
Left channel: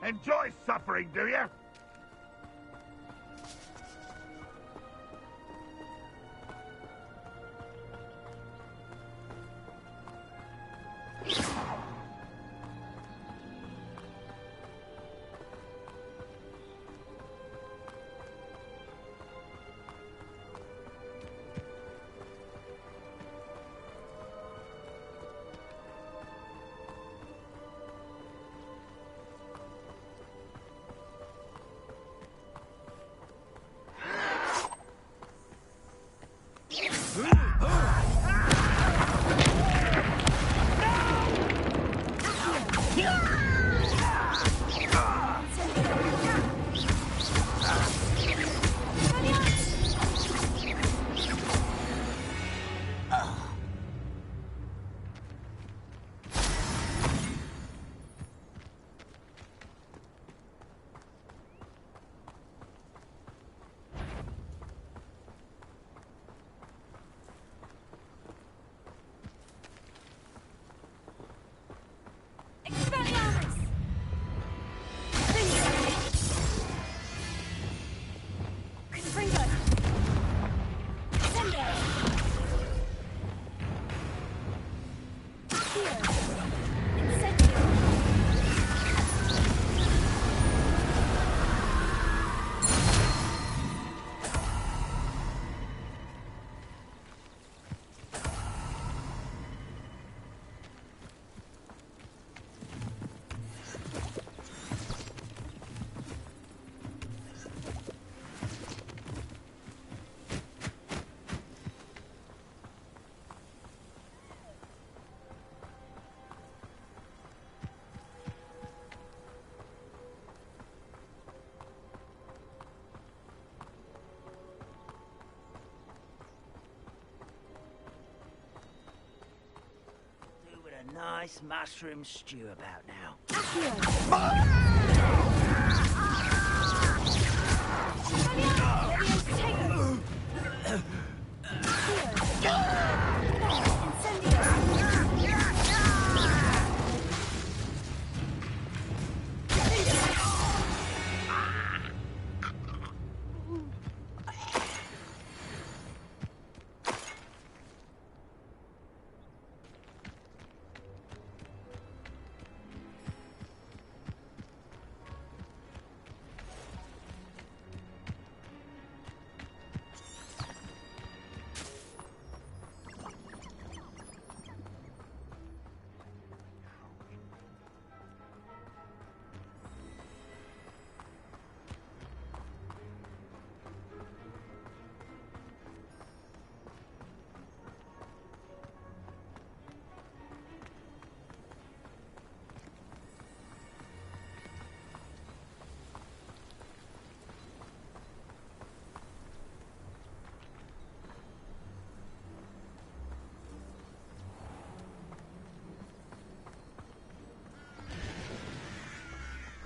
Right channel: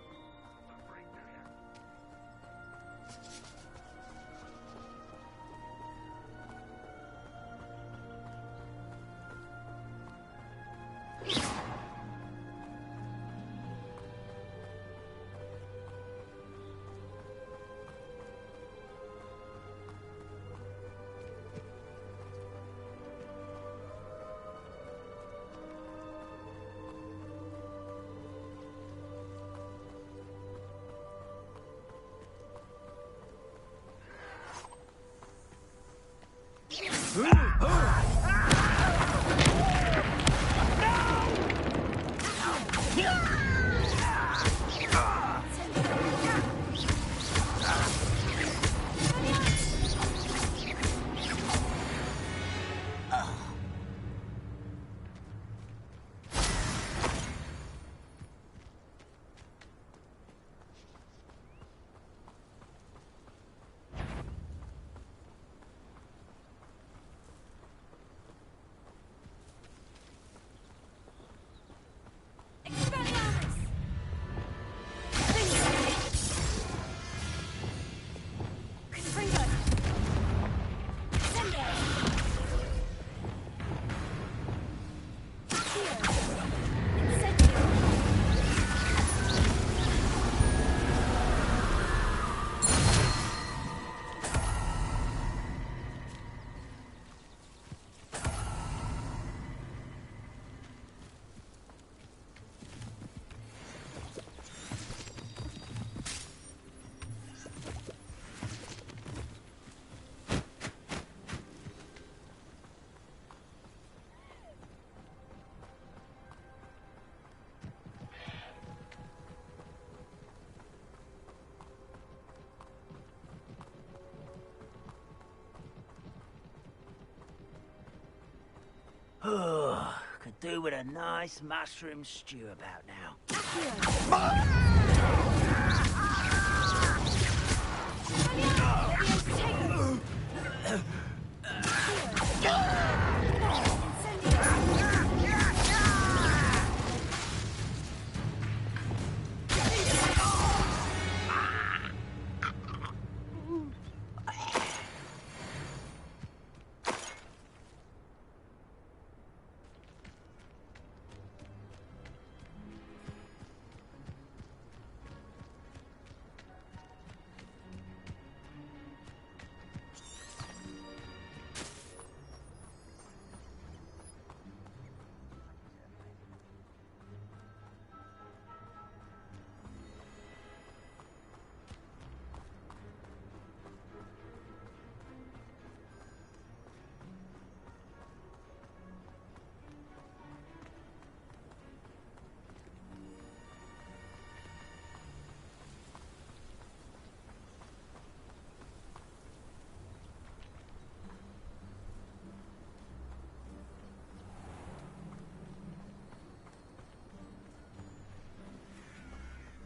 Enjoy suffering, do you? nice mushroom stew about now.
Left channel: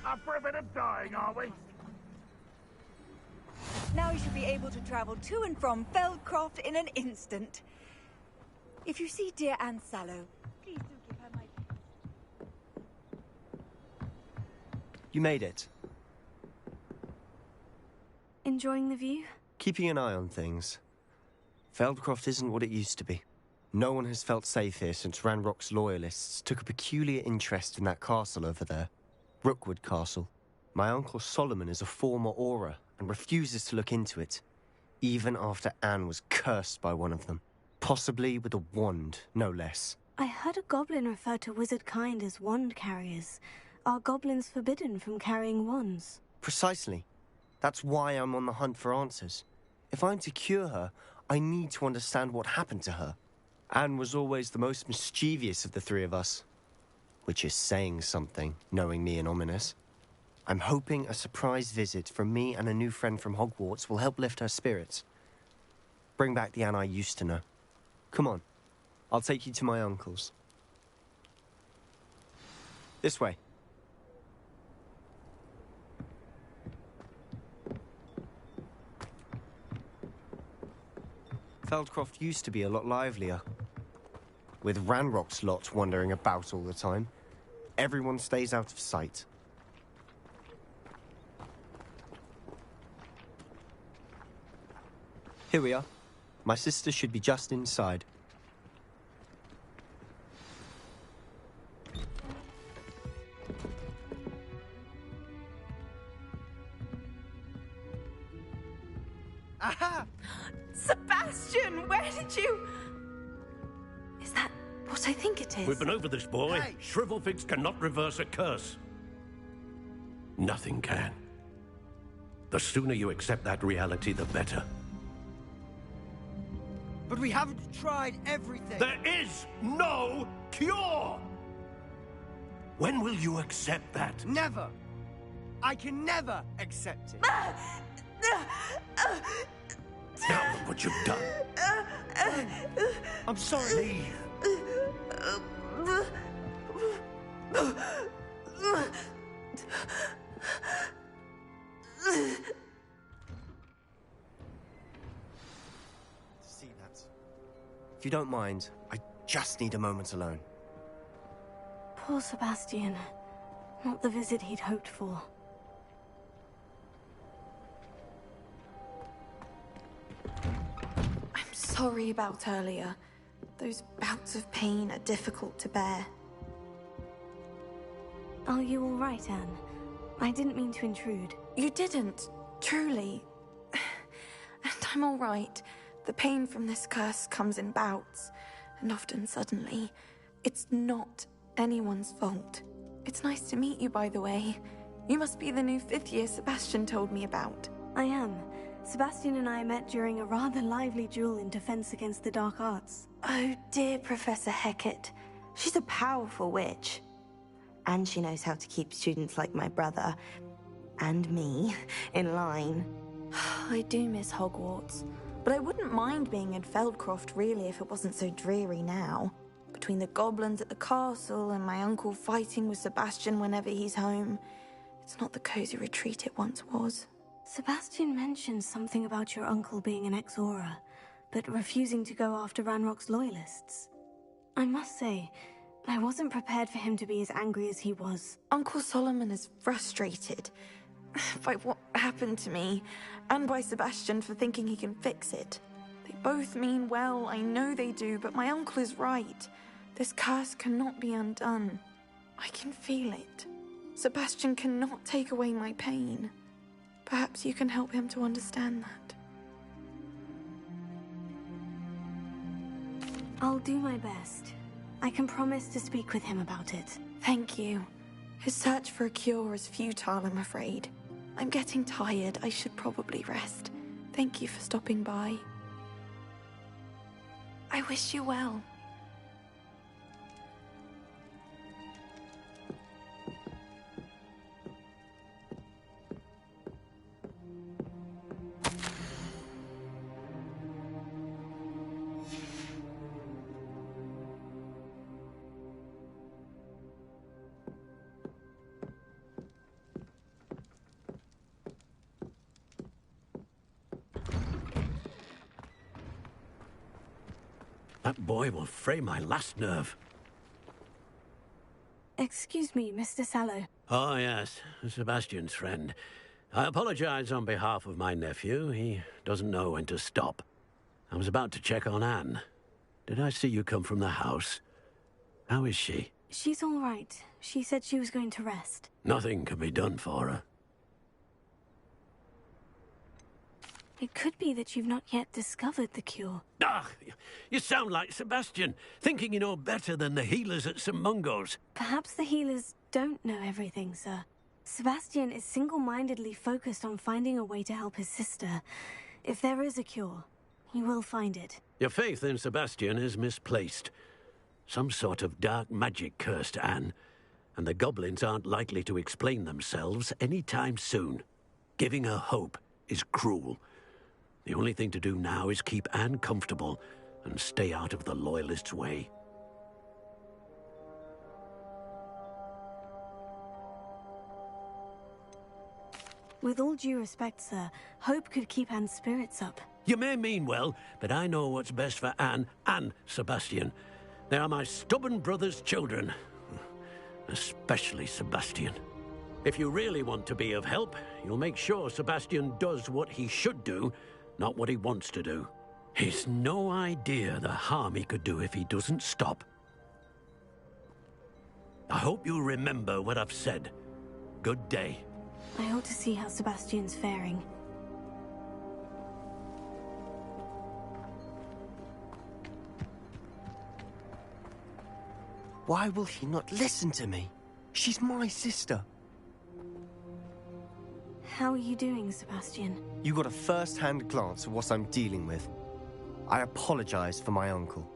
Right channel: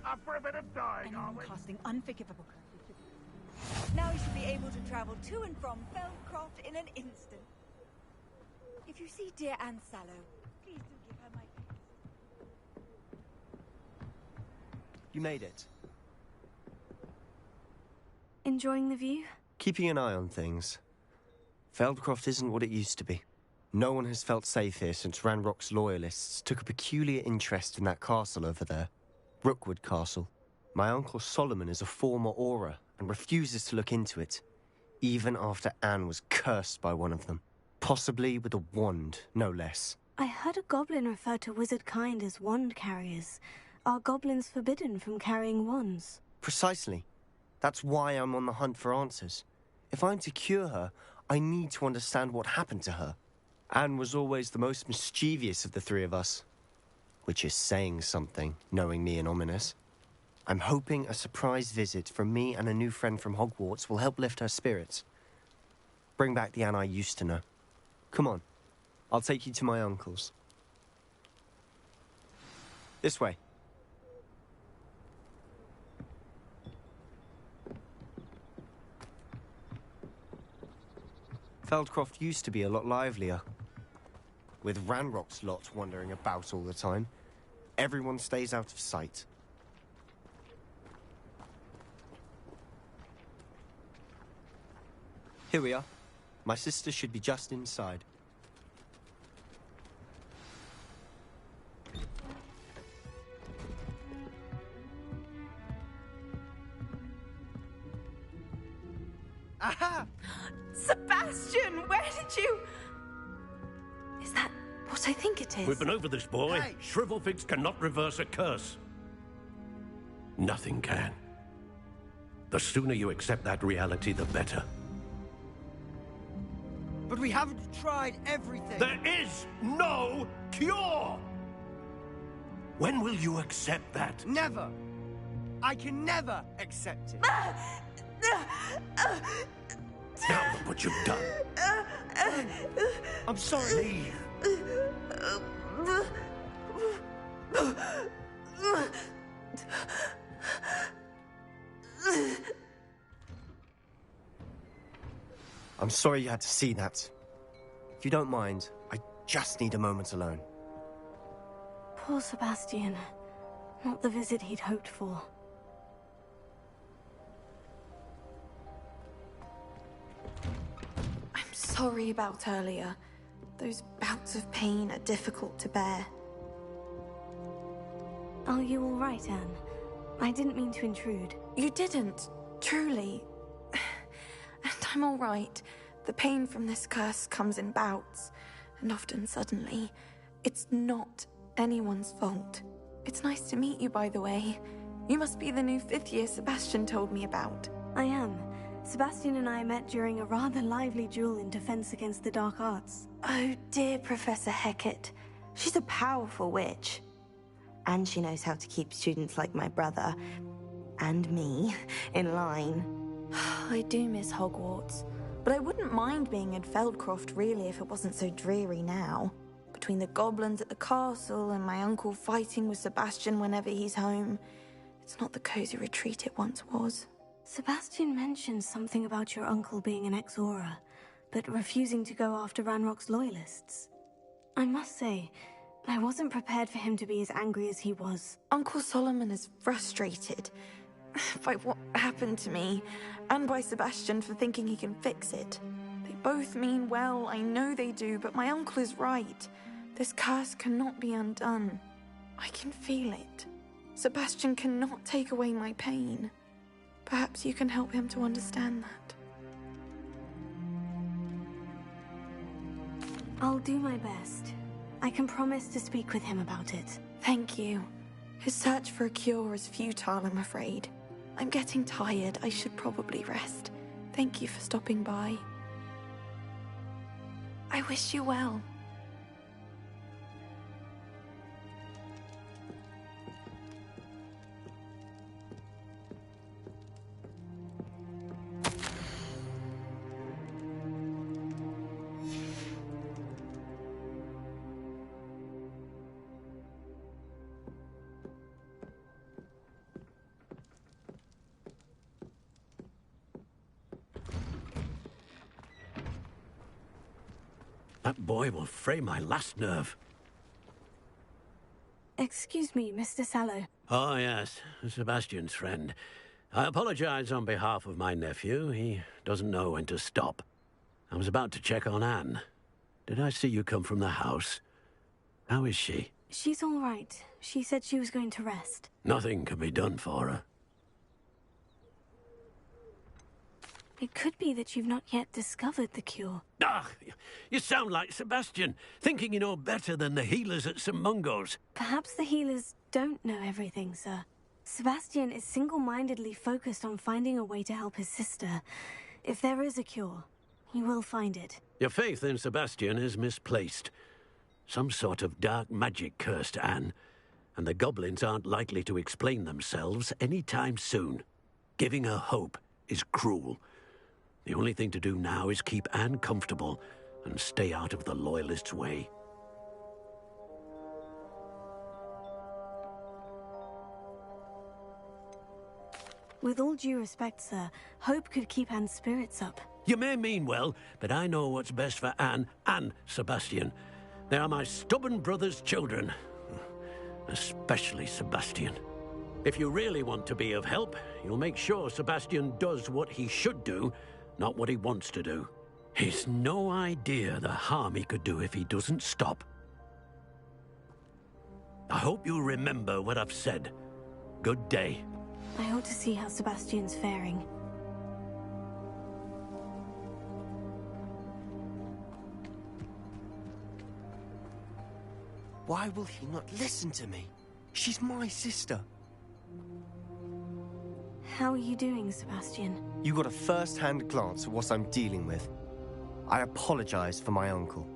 Up for a bit of dying, are we? Casting unforgivable. Now you should be able to travel to and from Feldcroft in an instant. If you see dear Anne Sallow, please do give her my best. You made it. Enjoying the view? Keeping an eye on things. Feldcroft isn't what it used to be. No one has felt safe here since Ranrock's loyalists took a peculiar interest in that castle over there. Rookwood Castle. My uncle Solomon is a former Auror and refuses to look into it, even after Anne was cursed by one of them. Possibly with a wand, no less. I heard a goblin refer to wizard kind as wand carriers. Are goblins forbidden from carrying wands? Precisely. That's why I'm on the hunt for answers. If I'm to cure her, I need to understand what happened to her. Anne was always the most mischievous of the three of us. Which is saying something, knowing me and Ominous. I'm hoping a surprise visit from me and a new friend from Hogwarts will help lift her spirits. Bring back the Anne I used to know. Come on, I'll take you to my uncle's. This way. Feldcroft used to be a lot livelier. With Ranrock's lot wandering about all the time, everyone stays out of sight. Here we are. My sister should be just inside. Aha! Sebastian, where did you... Is that what I think it is? We've been over this, boy. Hey. Shrivelfigs cannot reverse a curse. Nothing can. The sooner you accept that reality, the better. But we haven't tried everything. There is no cure! When will you accept that? Never. I can never accept it. Now look what you've done. I'm sorry. I'm sorry you had to see that. If you don't mind, I just need a moment alone. Poor Sebastian. Not the visit he'd hoped for. I'm sorry about earlier. Those bouts of pain are difficult to bear. Are you all right, Anne? I didn't mean to intrude. You didn't, truly. And I'm all right. The pain from this curse comes in bouts, and often suddenly. It's not anyone's fault. It's nice to meet you, by the way. You must be the new 5th year Sebastian told me about. I am. Sebastian and I met during a rather lively duel in defense against the dark arts. Oh, dear Professor Hecat. She's a powerful witch. And she knows how to keep students like my brother, and me, in line. I do miss Hogwarts, but I wouldn't mind being in Feldcroft, really, if it wasn't so dreary now. between the goblins at the castle and my uncle fighting with Sebastian whenever he's home. It's not the cozy retreat it once was. Sebastian mentioned something about your uncle being an ex-Auror, but refusing to go after Ranrock's loyalists. I must say, I wasn't prepared for him to be as angry as he was. Uncle Solomon is frustrated by what happened to me, and by Sebastian for thinking he can fix it. They both mean well, I know they do, but my uncle is right. This curse cannot be undone. I can feel it. Sebastian cannot take away my pain. Perhaps you can help him to understand that. I'll do my best. I can promise to speak with him about it. Thank you. His search for a cure is futile, I'm afraid. I'm getting tired. I should probably rest. Thank you for stopping by. I wish you well. That boy will fray my last nerve. Excuse me, Mr. Sallow. Oh, yes, Sebastian's friend. I apologize on behalf of my nephew. He doesn't know when to stop. I was about to check on Anne. Did I see you come from the house? How is she? She's all right. She said she was going to rest. Nothing can be done for her. It could be that you've not yet discovered the cure. Ah, you sound like Sebastian, thinking you know better than the healers at St. Mungo's. Perhaps the healers don't know everything, sir. Sebastian is single-mindedly focused on finding a way to help his sister. If there is a cure, he will find it. Your faith in Sebastian is misplaced. Some sort of dark magic cursed Anne, and the goblins aren't likely to explain themselves any time soon. Giving her hope is cruel. The only thing to do now is keep Anne comfortable and stay out of the Loyalists' way. With all due respect, sir, hope could keep Anne's spirits up. You may mean well, but I know what's best for Anne and Sebastian. They are my stubborn brother's children. Especially Sebastian. If you really want to be of help, you'll make sure Sebastian does what he should do, not what he wants to do. He's no idea the harm he could do if he doesn't stop. I hope you remember what I've said. Good day. I ought to see how Sebastian's faring. Why will he not listen to me? She's my sister. How are you doing, Sebastian? You got a first-hand glance at what I'm dealing with. I apologize for my uncle.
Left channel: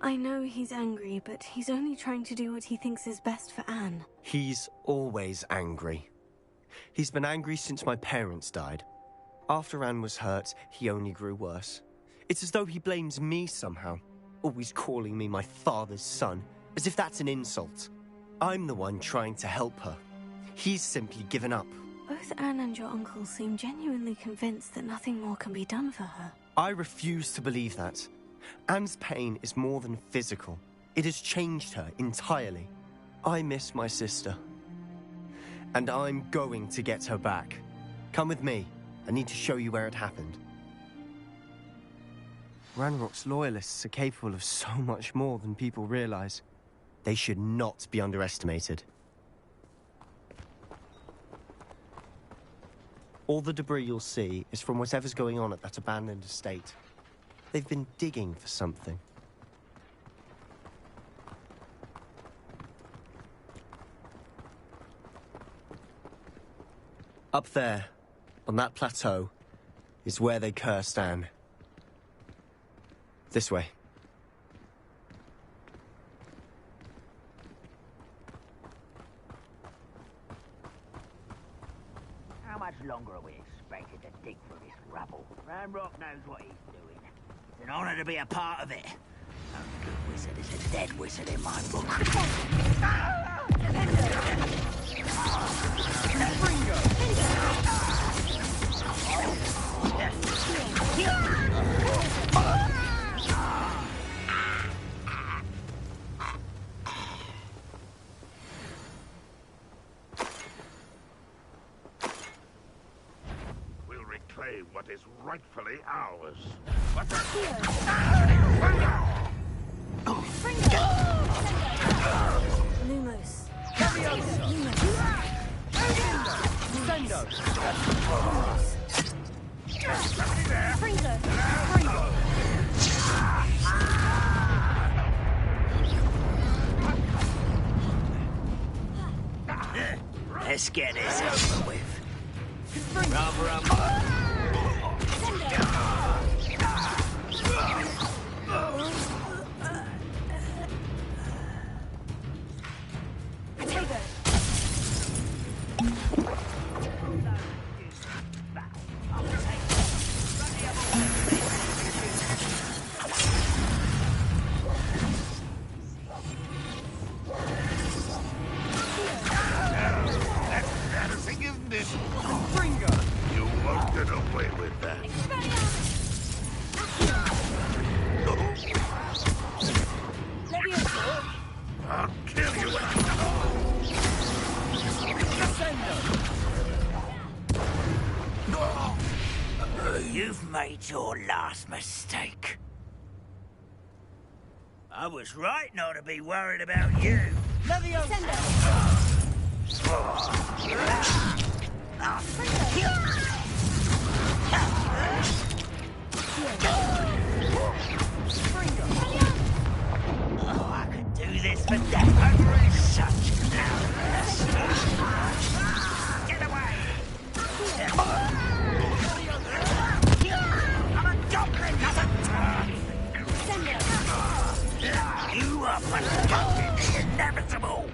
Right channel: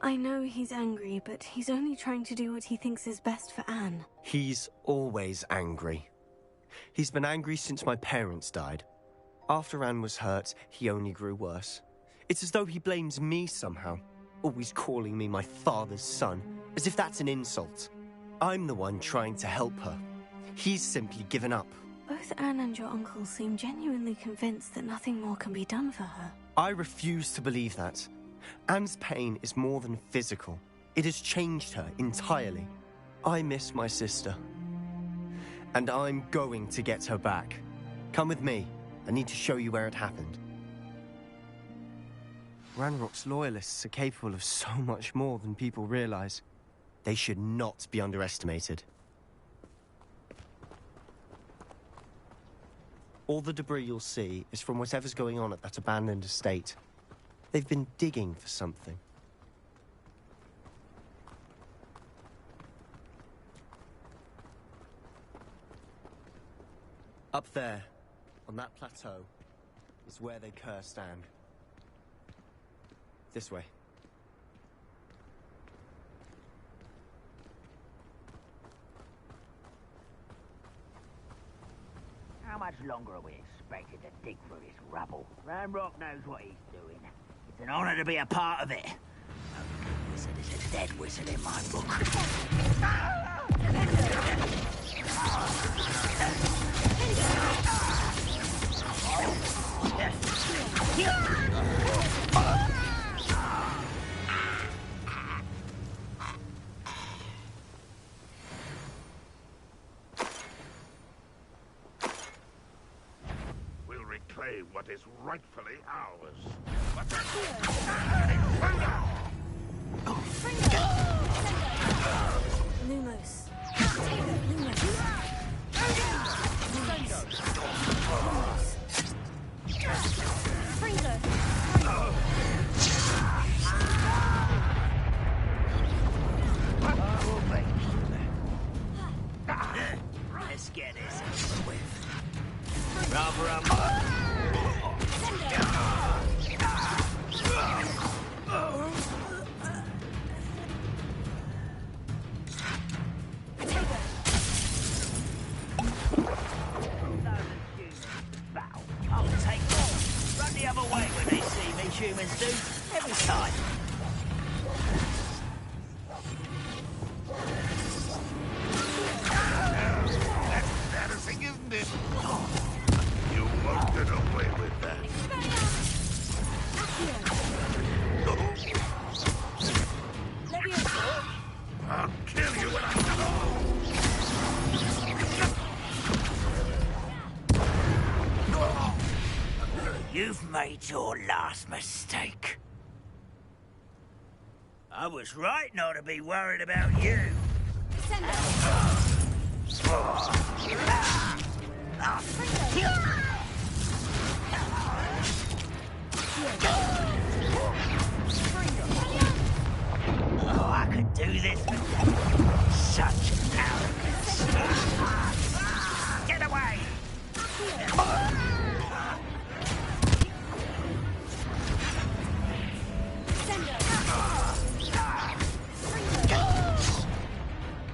I know he's angry, but he's only trying to do what he thinks is best for Anne. He's always angry. He's been angry since my parents died. After Anne was hurt, he only grew worse. It's as though he blames me somehow, always calling me my father's son, as if that's an insult. I'm the one trying to help her. He's simply given up. Both Anne and your uncle seem genuinely convinced that nothing more can be done for her. I refuse to believe that. Anne's pain is more than physical. It has changed her entirely. I miss my sister. And I'm going to get her back. Come with me. I need to show you where it happened. Ranrock's loyalists are capable of so much more than people realize. They should not be underestimated. All the debris you'll see is from whatever's going on at that abandoned estate. They've been digging for something. Up there, on that plateau, is where they cursed Anne. This way. How much longer are we expected to dig through this rubble. Ranrock knows what he's doing. It's an honor to be a part of it. Only good wizard is a dead wizard in my book. We'll reclaim what is rightfully ours. Lumos. Let's get this over with. Rather You won't get away with that. I'll kill you when You've made your last mistake. I was right not to be worried about you. Oh, I could do this for days. Such arrogance. Get away! I'm a goblin, not a turd. You are inevitable.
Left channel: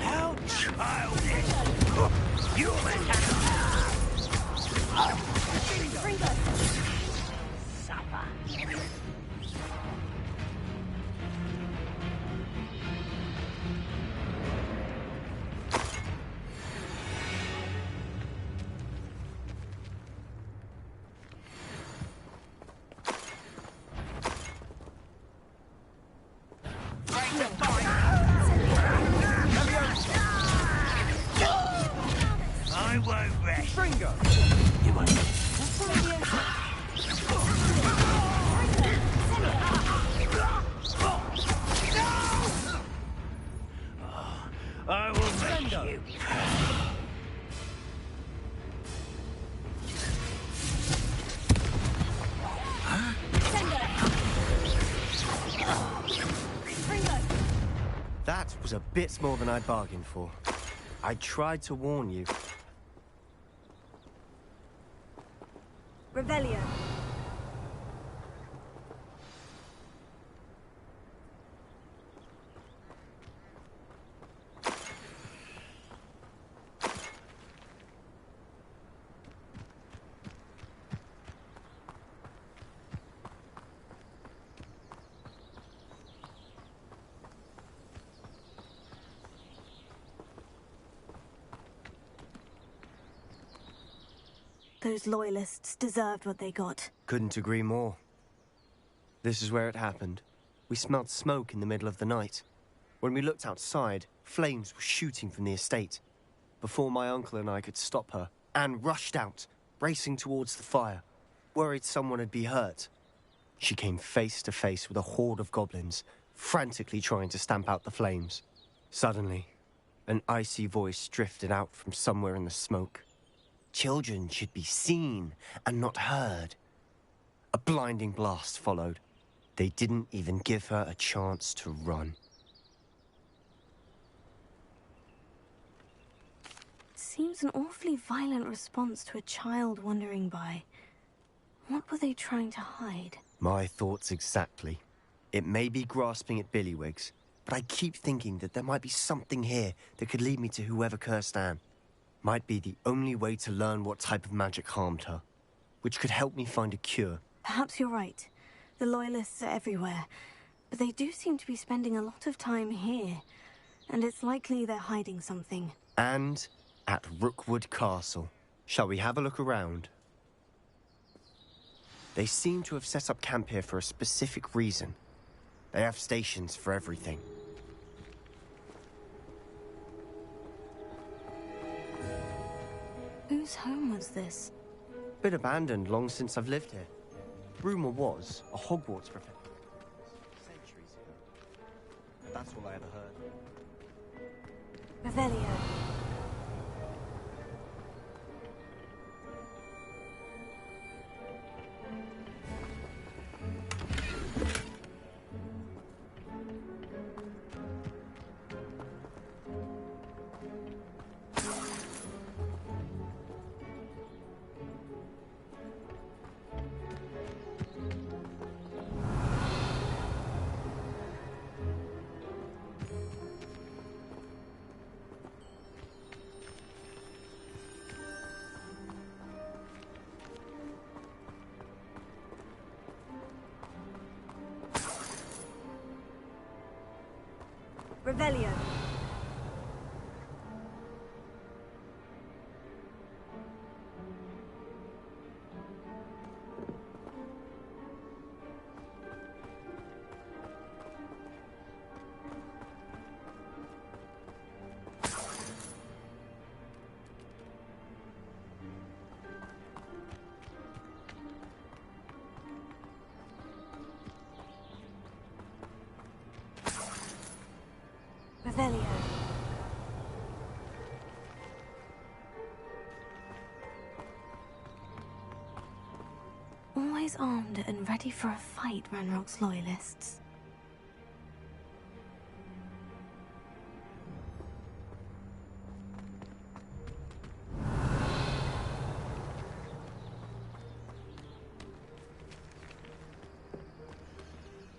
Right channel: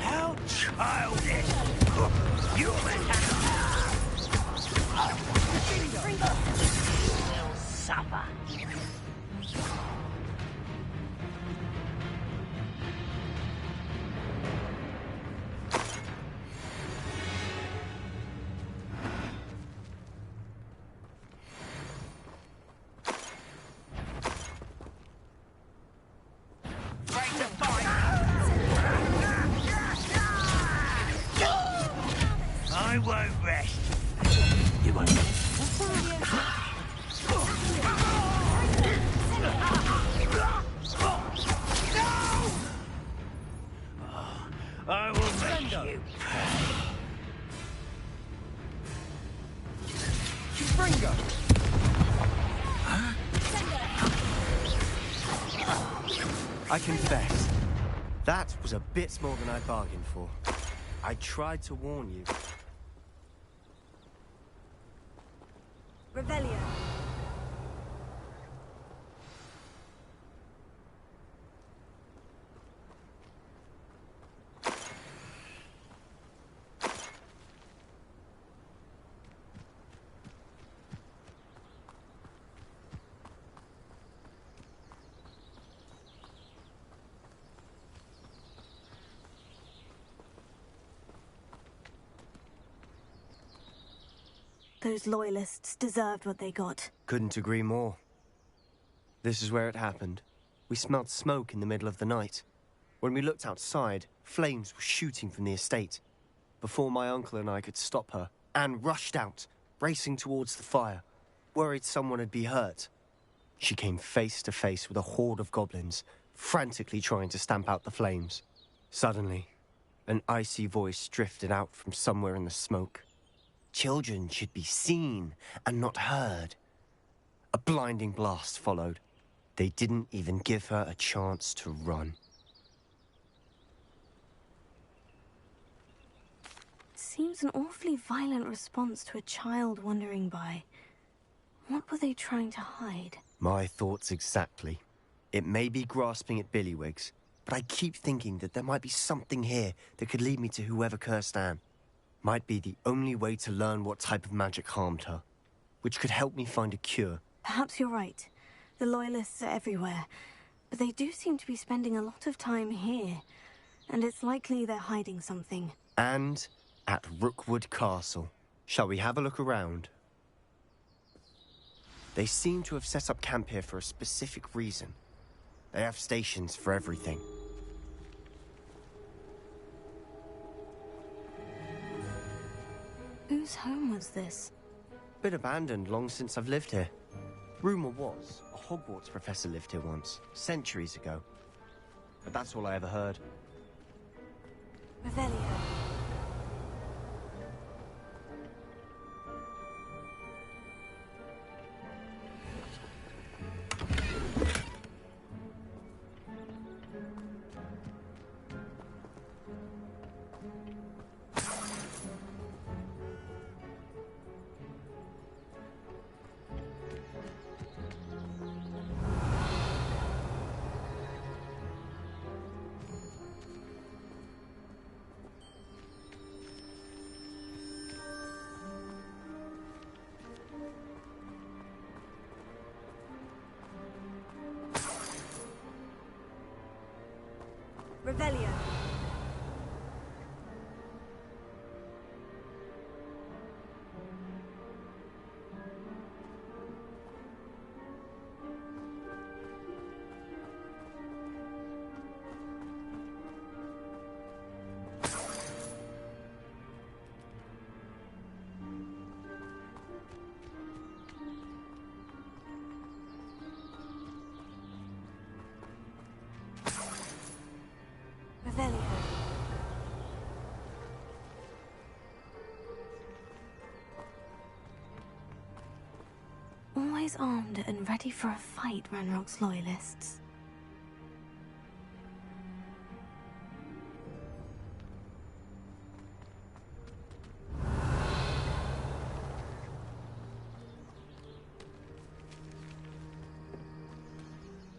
How childish! You will suffer. I won't rest. You won't. I will make you. I confess, that was a bit more than I'd bargained for. I tried to warn you. Revelio. Those loyalists deserved what they got. Couldn't agree more. This is where it happened. We smelled smoke in the middle of the night. When we looked outside, flames were shooting from the estate. Before my uncle and I could stop her, Anne rushed out, racing towards the fire, worried someone had been hurt. She came face to face with a horde of goblins, frantically trying to stamp out the flames. Suddenly, an icy voice drifted out from somewhere in the smoke. Children should be seen and not heard. A blinding blast followed. They didn't even give her a chance to run. seems an awfully violent response to a child wandering by. What were they trying to hide? My thoughts exactly. It may be grasping at Billywigs, but I keep thinking that there might be something here that could lead me to whoever cursed Anne. Might be the only way to learn what type of magic harmed her, which could help me find a cure. Perhaps you're right. The Loyalists are everywhere, but they do seem to be spending a lot of time here, and it's likely they're hiding something. And at Rookwood Castle. Shall we have a look around? They seem to have set up camp here for a specific reason. They have stations for everything. Whose home was this? Been abandoned long since I've lived here. Rumour was a Hogwarts professor lived here once, centuries ago. But that's all I ever heard. Revelio. Revelio. Revelio. Always armed and ready for a fight, Ranrock's Loyalists.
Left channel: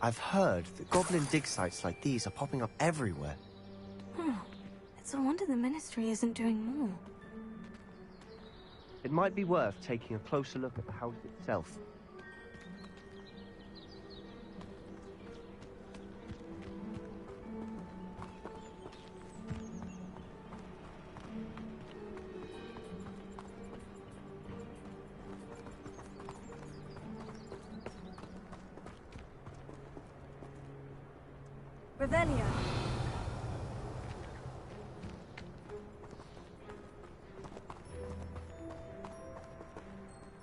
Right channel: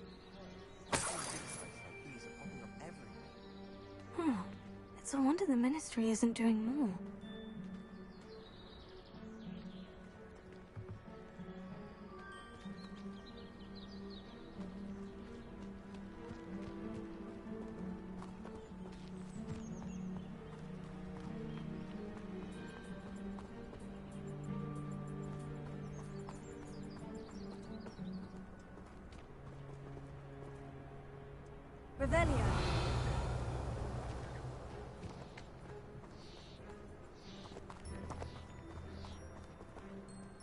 I've heard that goblin dig sites like these are popping up everywhere. It's a wonder the Ministry isn't doing more. It might be worth taking a closer look at the house itself. Revelio.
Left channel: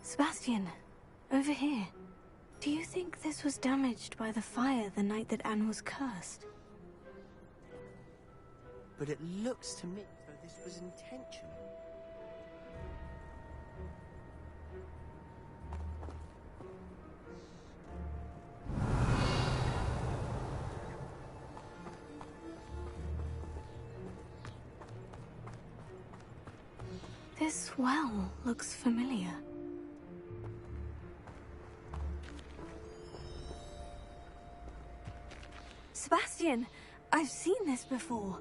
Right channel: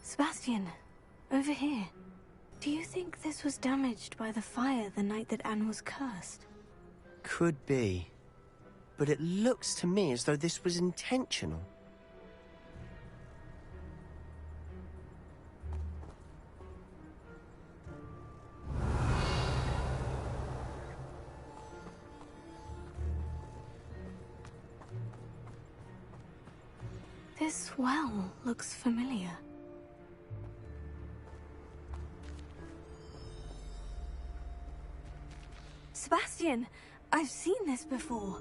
Sebastian, over here. Do you think this was damaged by the fire the night that Anne was cursed? Could be. But it looks to me as though this was intentional. This well looks familiar. Sebastian, I've seen this before.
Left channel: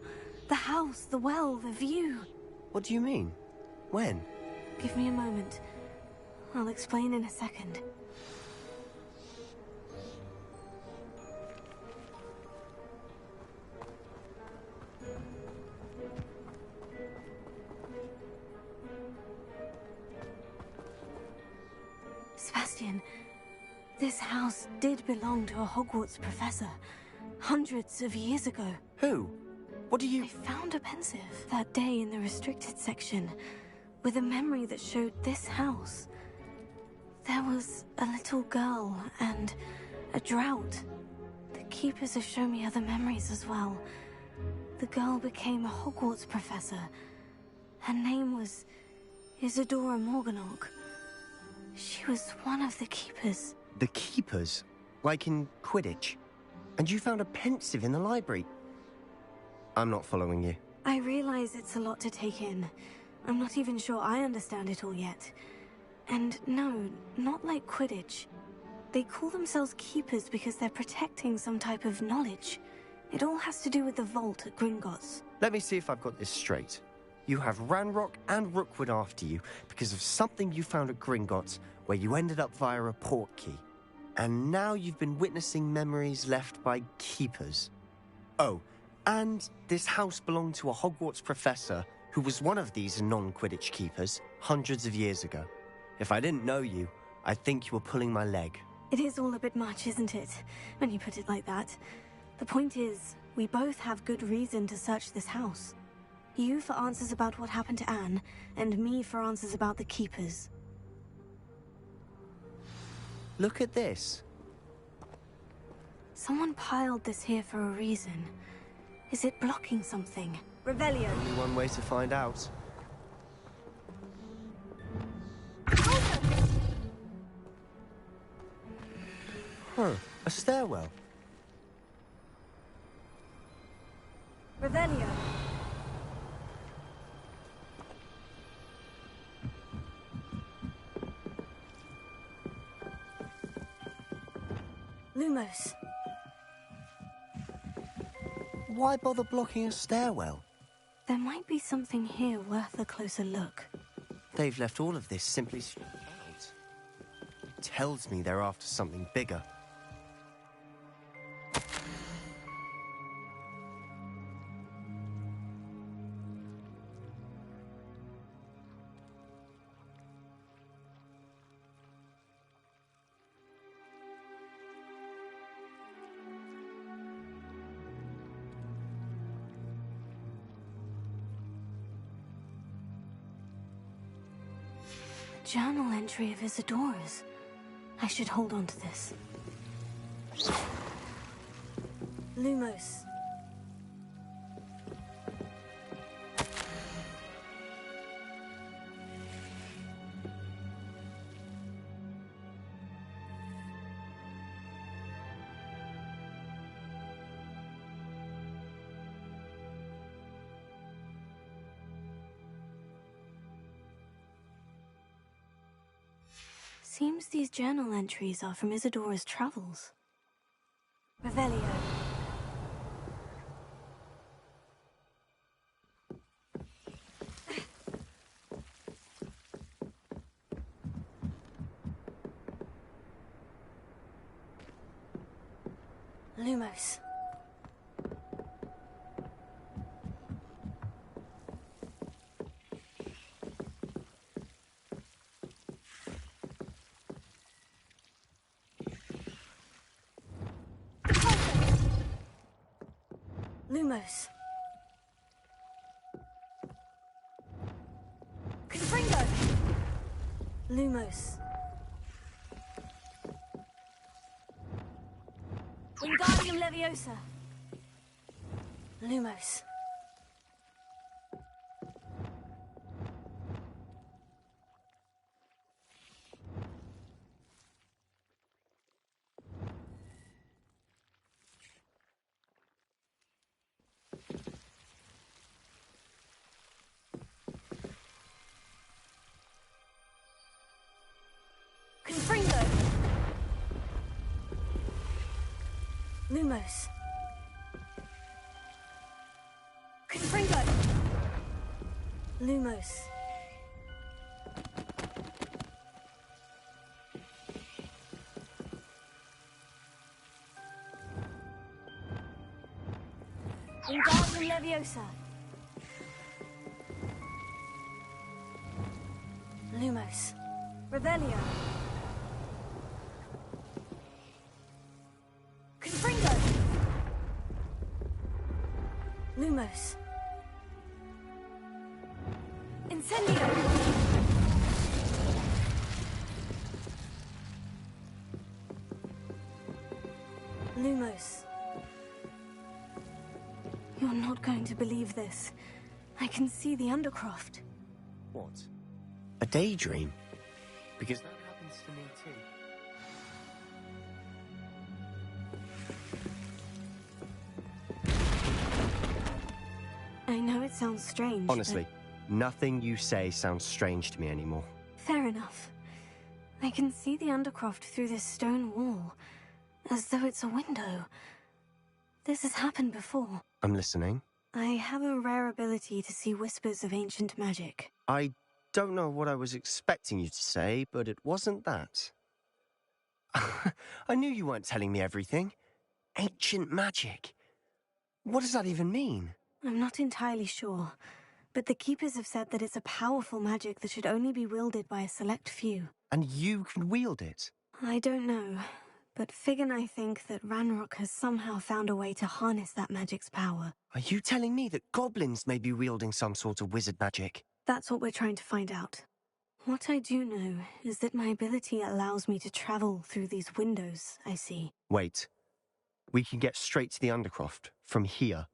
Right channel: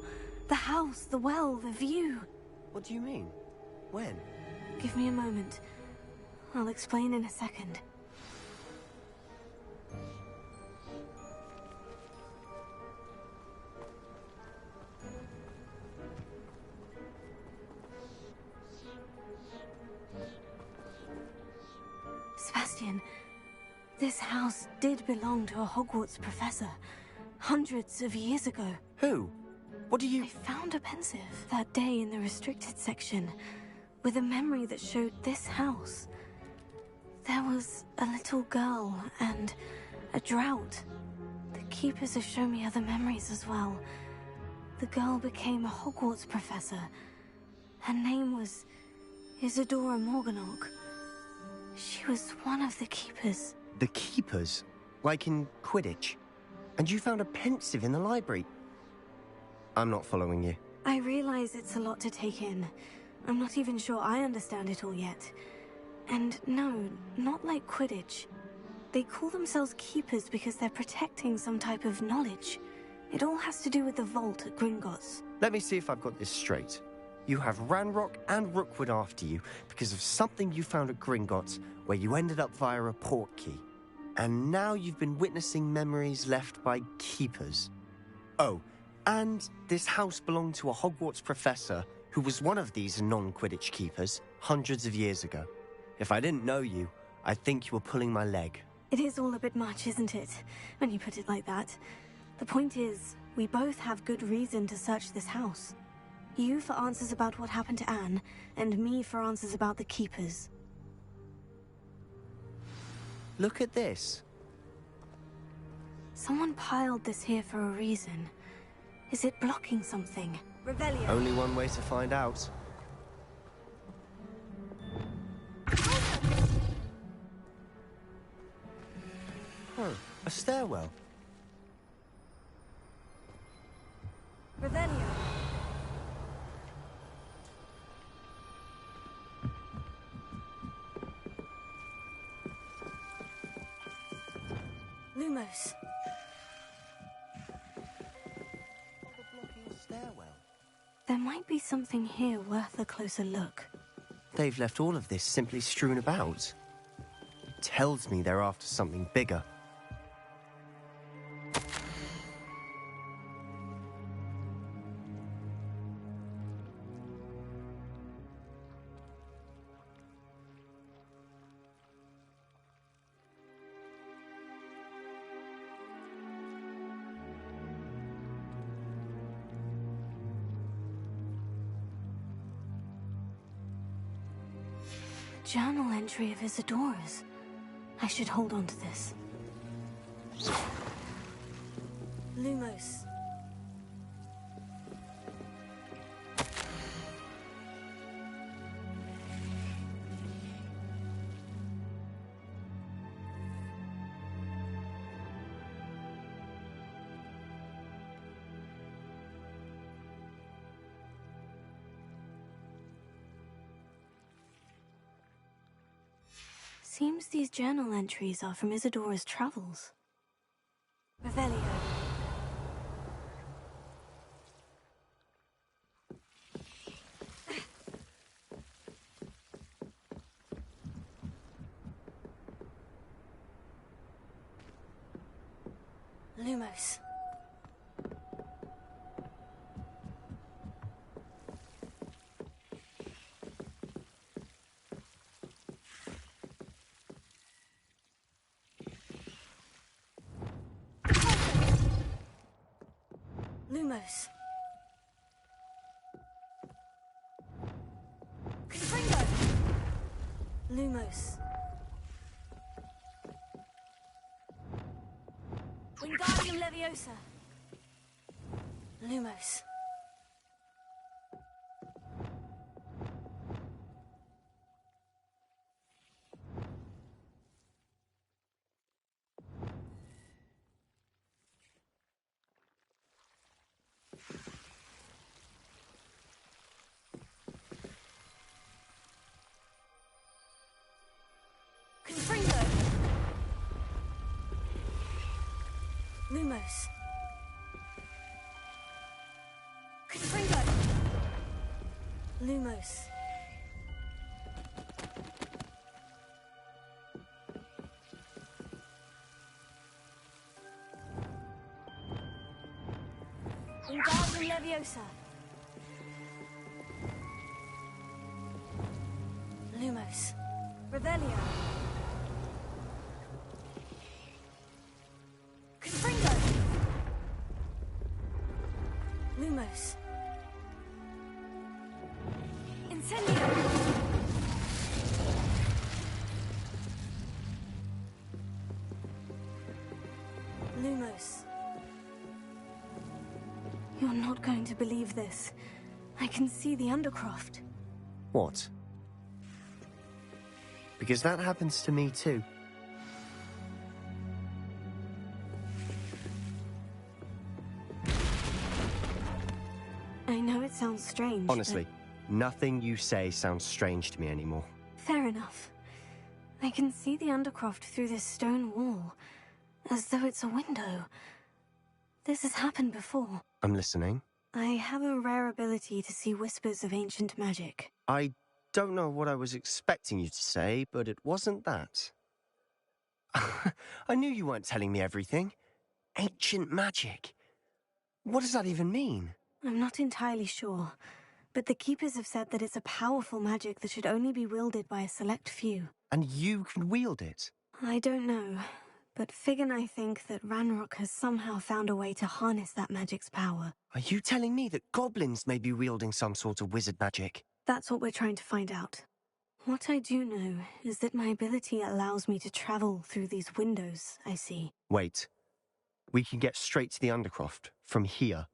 The house, the well, the view. What do you mean? When? Give me a moment. I'll explain in a second. Sebastian, this house did belong to a Hogwarts professor, hundreds of years ago. Who? What do you... I found a pensive that day in the restricted section, with a memory that showed this house. There was a little girl and a drought. The keepers have shown me other memories as well. The girl became a Hogwarts professor. Her name was Isadora Morganach. She was one of the keepers. The keepers? Like in Quidditch? And you found a pensive in the library? I'm not following you. I realize it's a lot to take in, I'm not even sure I understand it all yet. And no, not like Quidditch. They call themselves Keepers because they're protecting some type of knowledge. It all has to do with the vault at Gringotts. Let me see if I've got this straight. You have Ranrock and Rookwood after you because of something you found at Gringotts where you ended up via a port key. And now you've been witnessing memories left by Keepers. Oh, and this house belonged to a Hogwarts professor who was one of these non-Quidditch Keepers hundreds of years ago. If I didn't know you, I'd think you were pulling my leg. It is all a bit much, isn't it, when you put it like that? The point is, we both have good reason to search this house. You for answers about what happened to Anne, and me for answers about the Keepers. Look at this. Someone piled this here for a reason. Is it blocking something? Revelio. Only one way to find out. Huh, a stairwell. Revelio. Lumos. Why bother blocking a stairwell? There might be something here worth a closer look. They've left all of this simply strewn about. It tells me they're after something bigger. Journal entry of Isadora's. I should hold on to this. Lumos. Seems these journal entries are from Isadora's travels. Revelio. Lumos. Lumos. Confringo. Lumos. Wingardium Leviosa. Lumos. Confringo. Lumos. Confringo. Lumos. Wingardium Leviosa. Lumos. Revelio. Confringo. Lumos. Incendio. Lumos. You're not going to believe this. I can see the Undercroft. What? A daydream? Because that happens to me too. I know it sounds strange. Honestly, Nothing you say sounds strange to me anymore. Fair enough. I can see the Undercroft through this stone wall, as though it's a window. This has happened before. I'm listening. I have a rare ability to see whispers of ancient magic. I don't know what I was expecting you to say, but it wasn't that. I knew you weren't telling me everything. Ancient magic. What does that even mean? I'm not entirely sure, but the Keepers have said that it's a powerful magic that should only be wielded by a select few. And you can wield it? I don't know, but Fig and I think that Ranrock has somehow found a way to harness that magic's power. Are you telling me that goblins may be wielding some sort of wizard magic? That's what we're trying to find out. What I do know is that my ability allows me to travel through these windows I see. Wait. We can get straight to the Undercroft from here.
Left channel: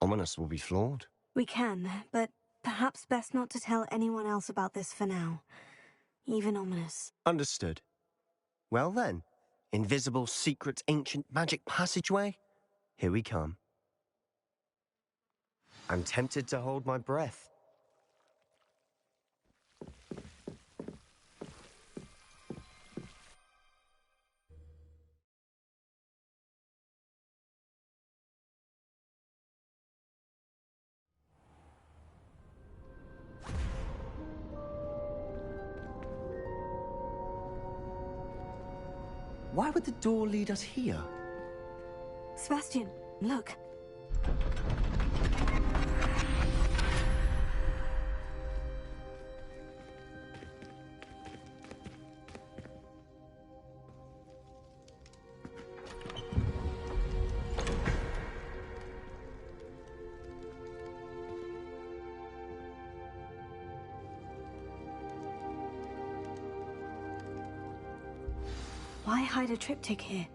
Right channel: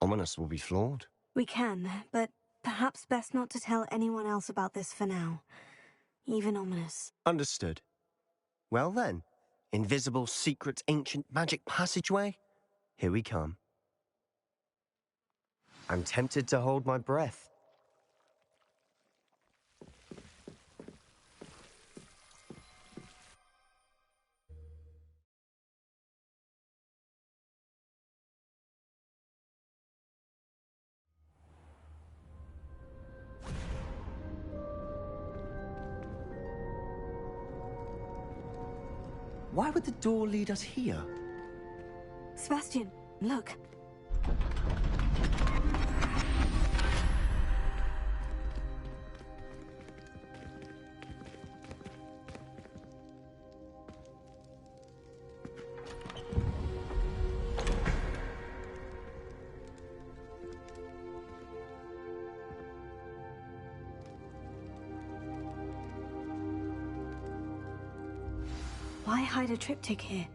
Ominous will be floored. We can, but perhaps best not to tell anyone else about this for now. Even Ominous. Understood. Well then, invisible, secret, ancient magic passageway? Here we come. I'm tempted to hold my breath. Why would the door lead us here? Sebastian, look. Why hide a triptych here?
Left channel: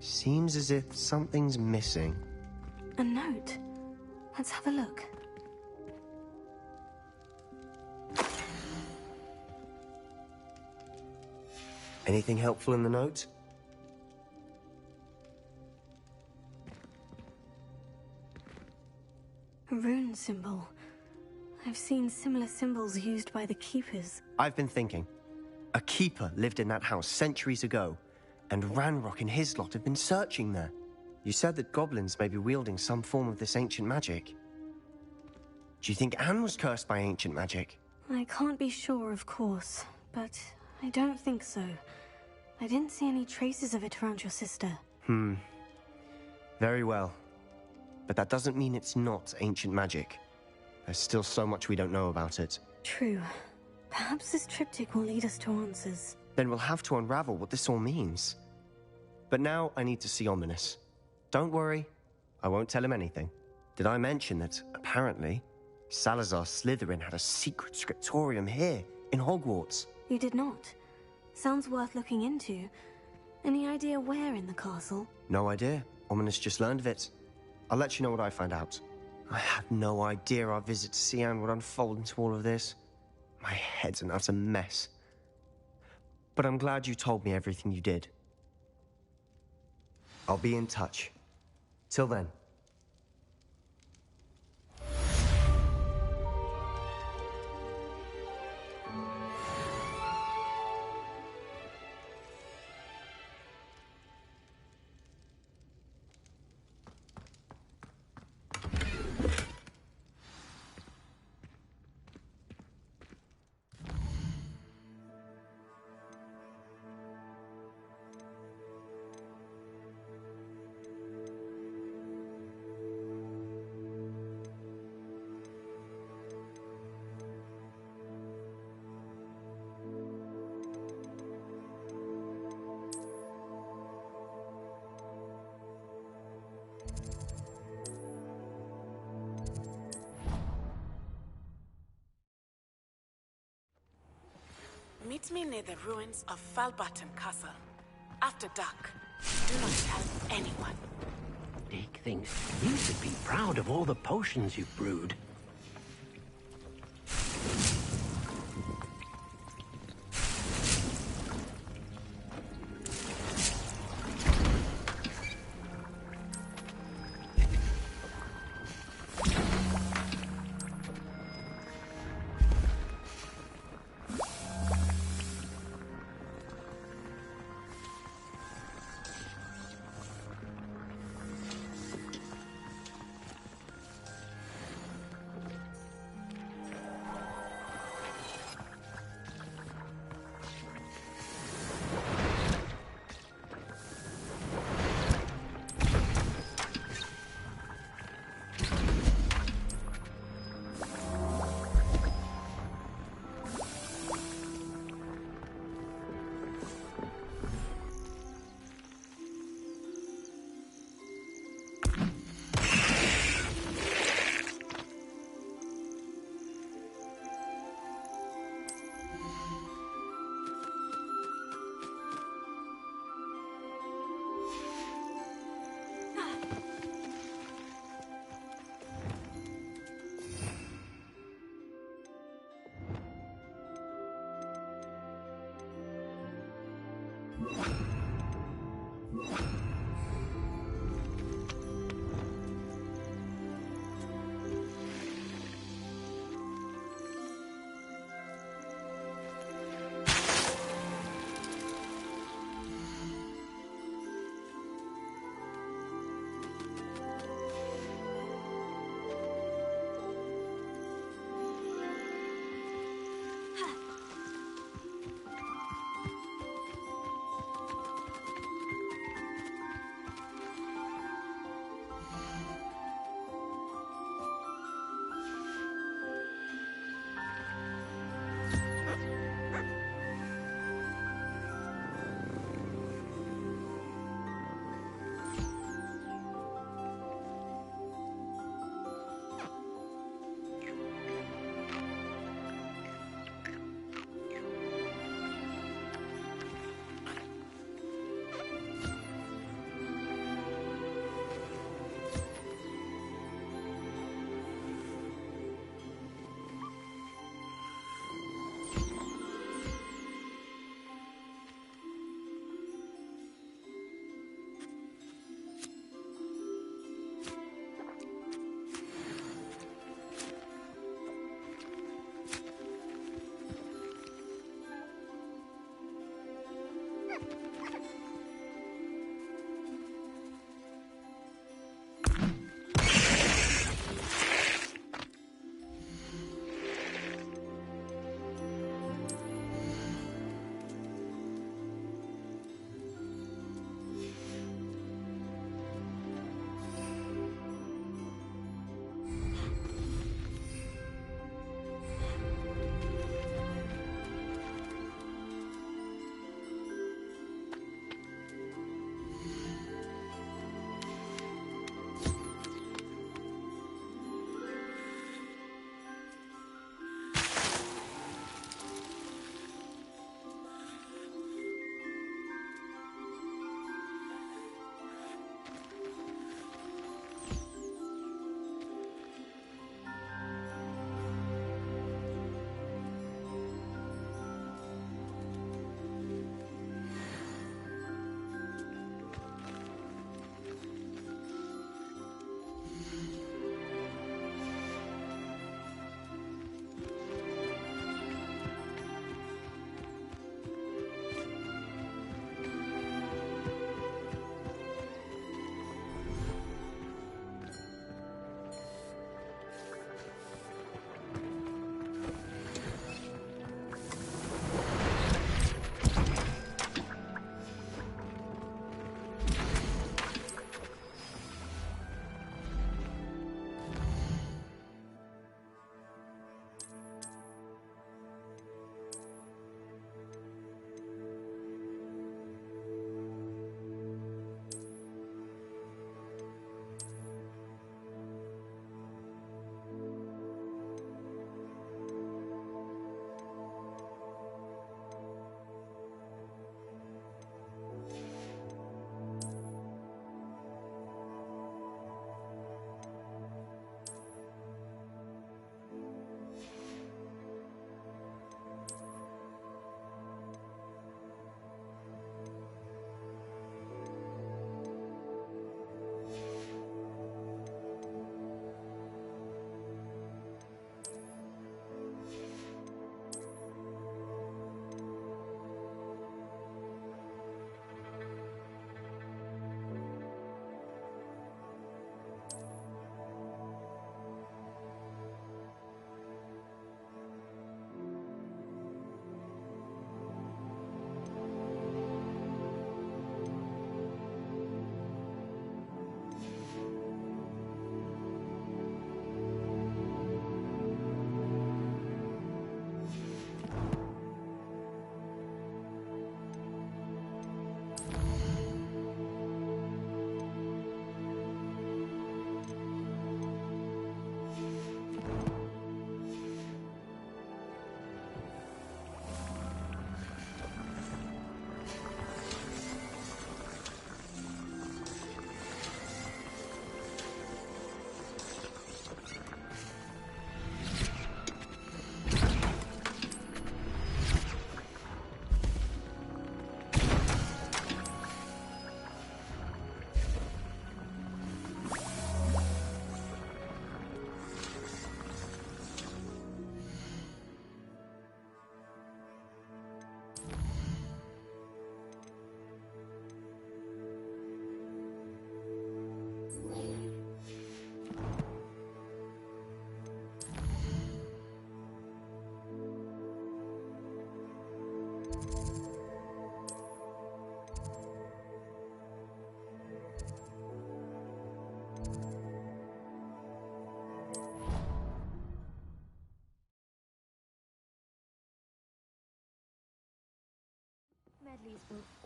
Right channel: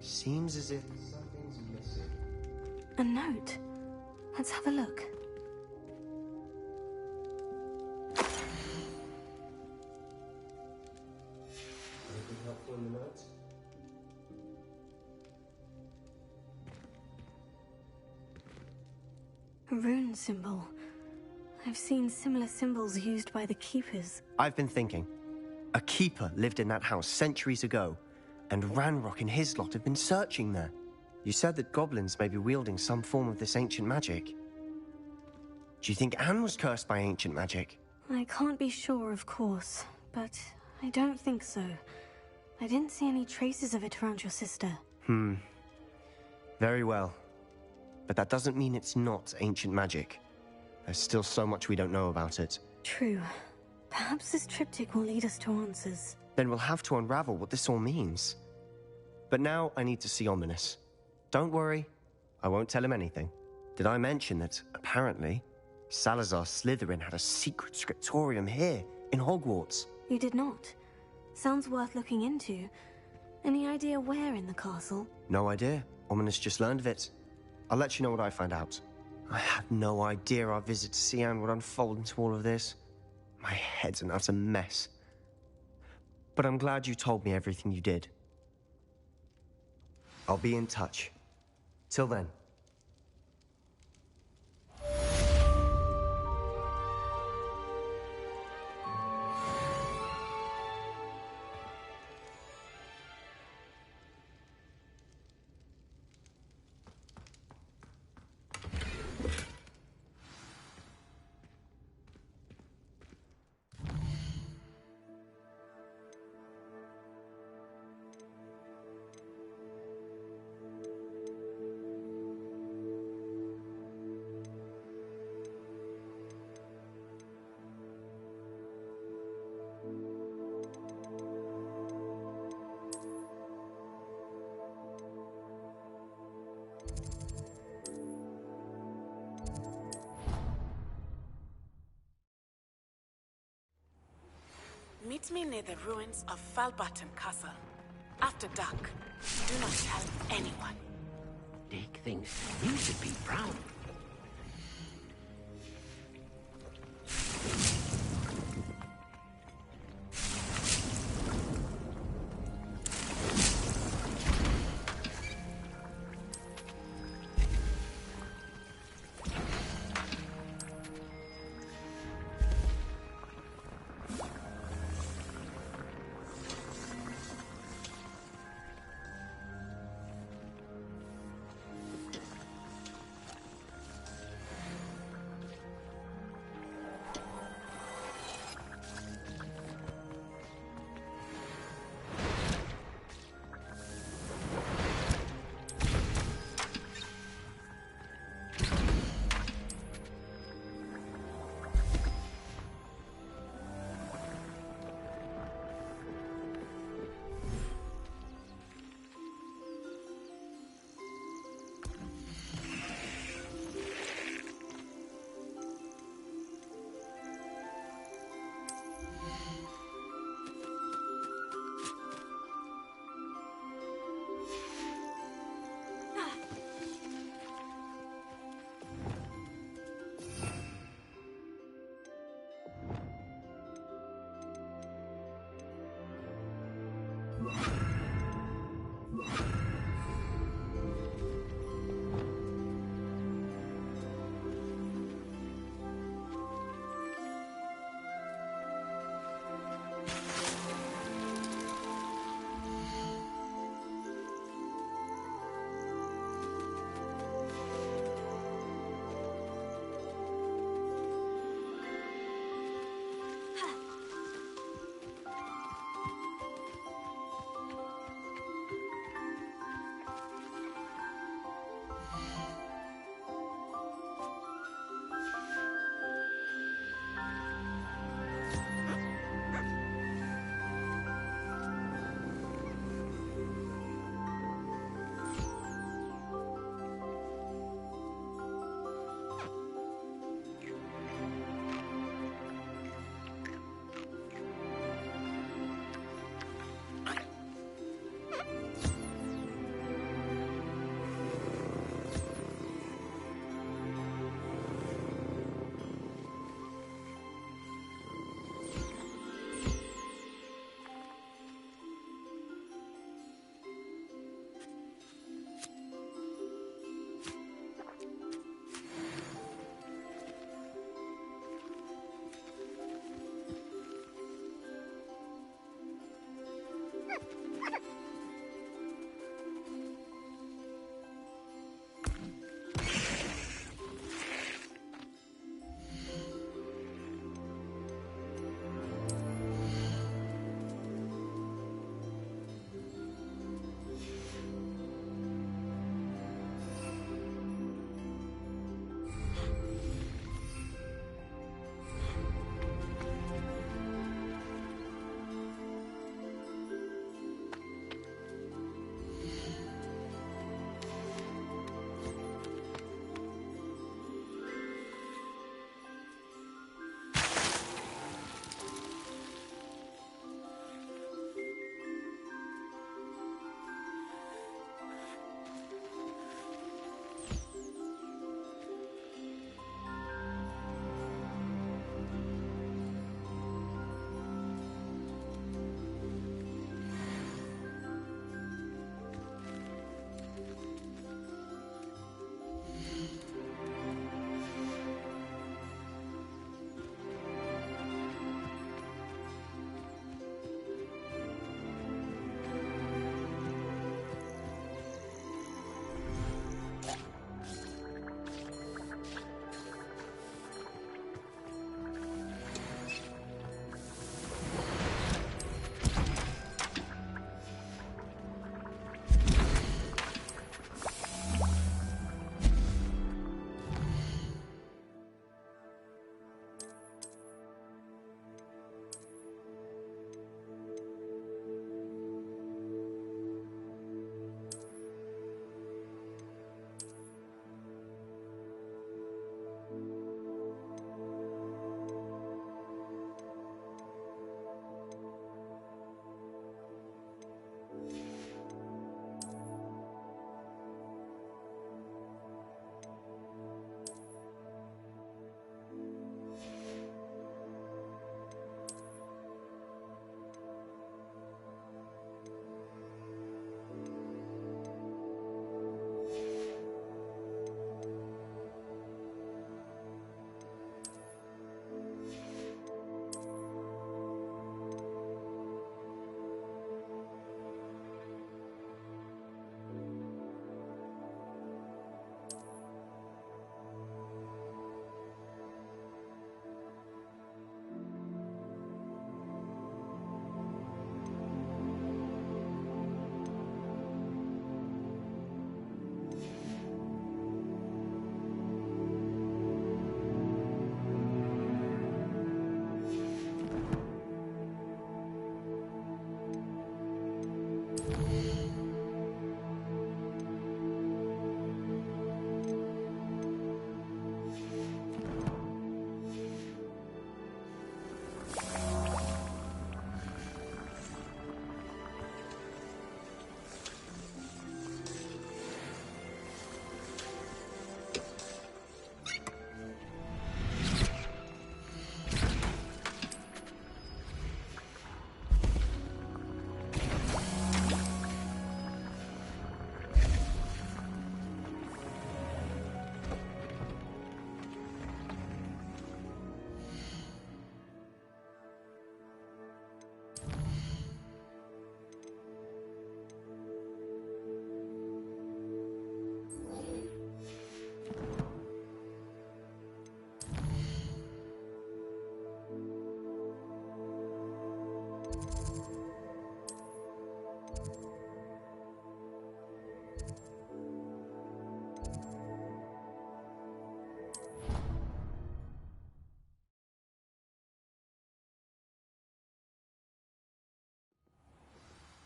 Seems as if something's missing. A note. Let's have a look. Anything helpful in the note? A rune symbol. I've seen similar symbols used by the Keepers. I've been thinking. A keeper lived in that house centuries ago, and Ranrock and his lot have been searching there. You said that goblins may be wielding some form of this ancient magic. Do you think Anne was cursed by ancient magic? I can't be sure, of course, but I don't think so. I didn't see any traces of it around your sister. Very well. But that doesn't mean it's not ancient magic. There's still so much we don't know about it. True. Perhaps this triptych will lead us to answers. Then we'll have to unravel what this all means. But now I need to see Ominous. Don't worry, I won't tell him anything. Did I mention that, apparently, Salazar Slytherin had a secret scriptorium here, in Hogwarts? You did not. Sounds worth looking into. Any idea where in the castle? No idea. Ominous just learned of it. I'll let you know what I find out. I had no idea our visit to Cian would unfold into all of this. My head's an utter mess. But I'm glad you told me everything you did. I'll be in touch. Till then. Meet me near the ruins of Falbaton Castle. After dark. Do not tell anyone. Dick thinks you should be proud of all the potions you've brewed.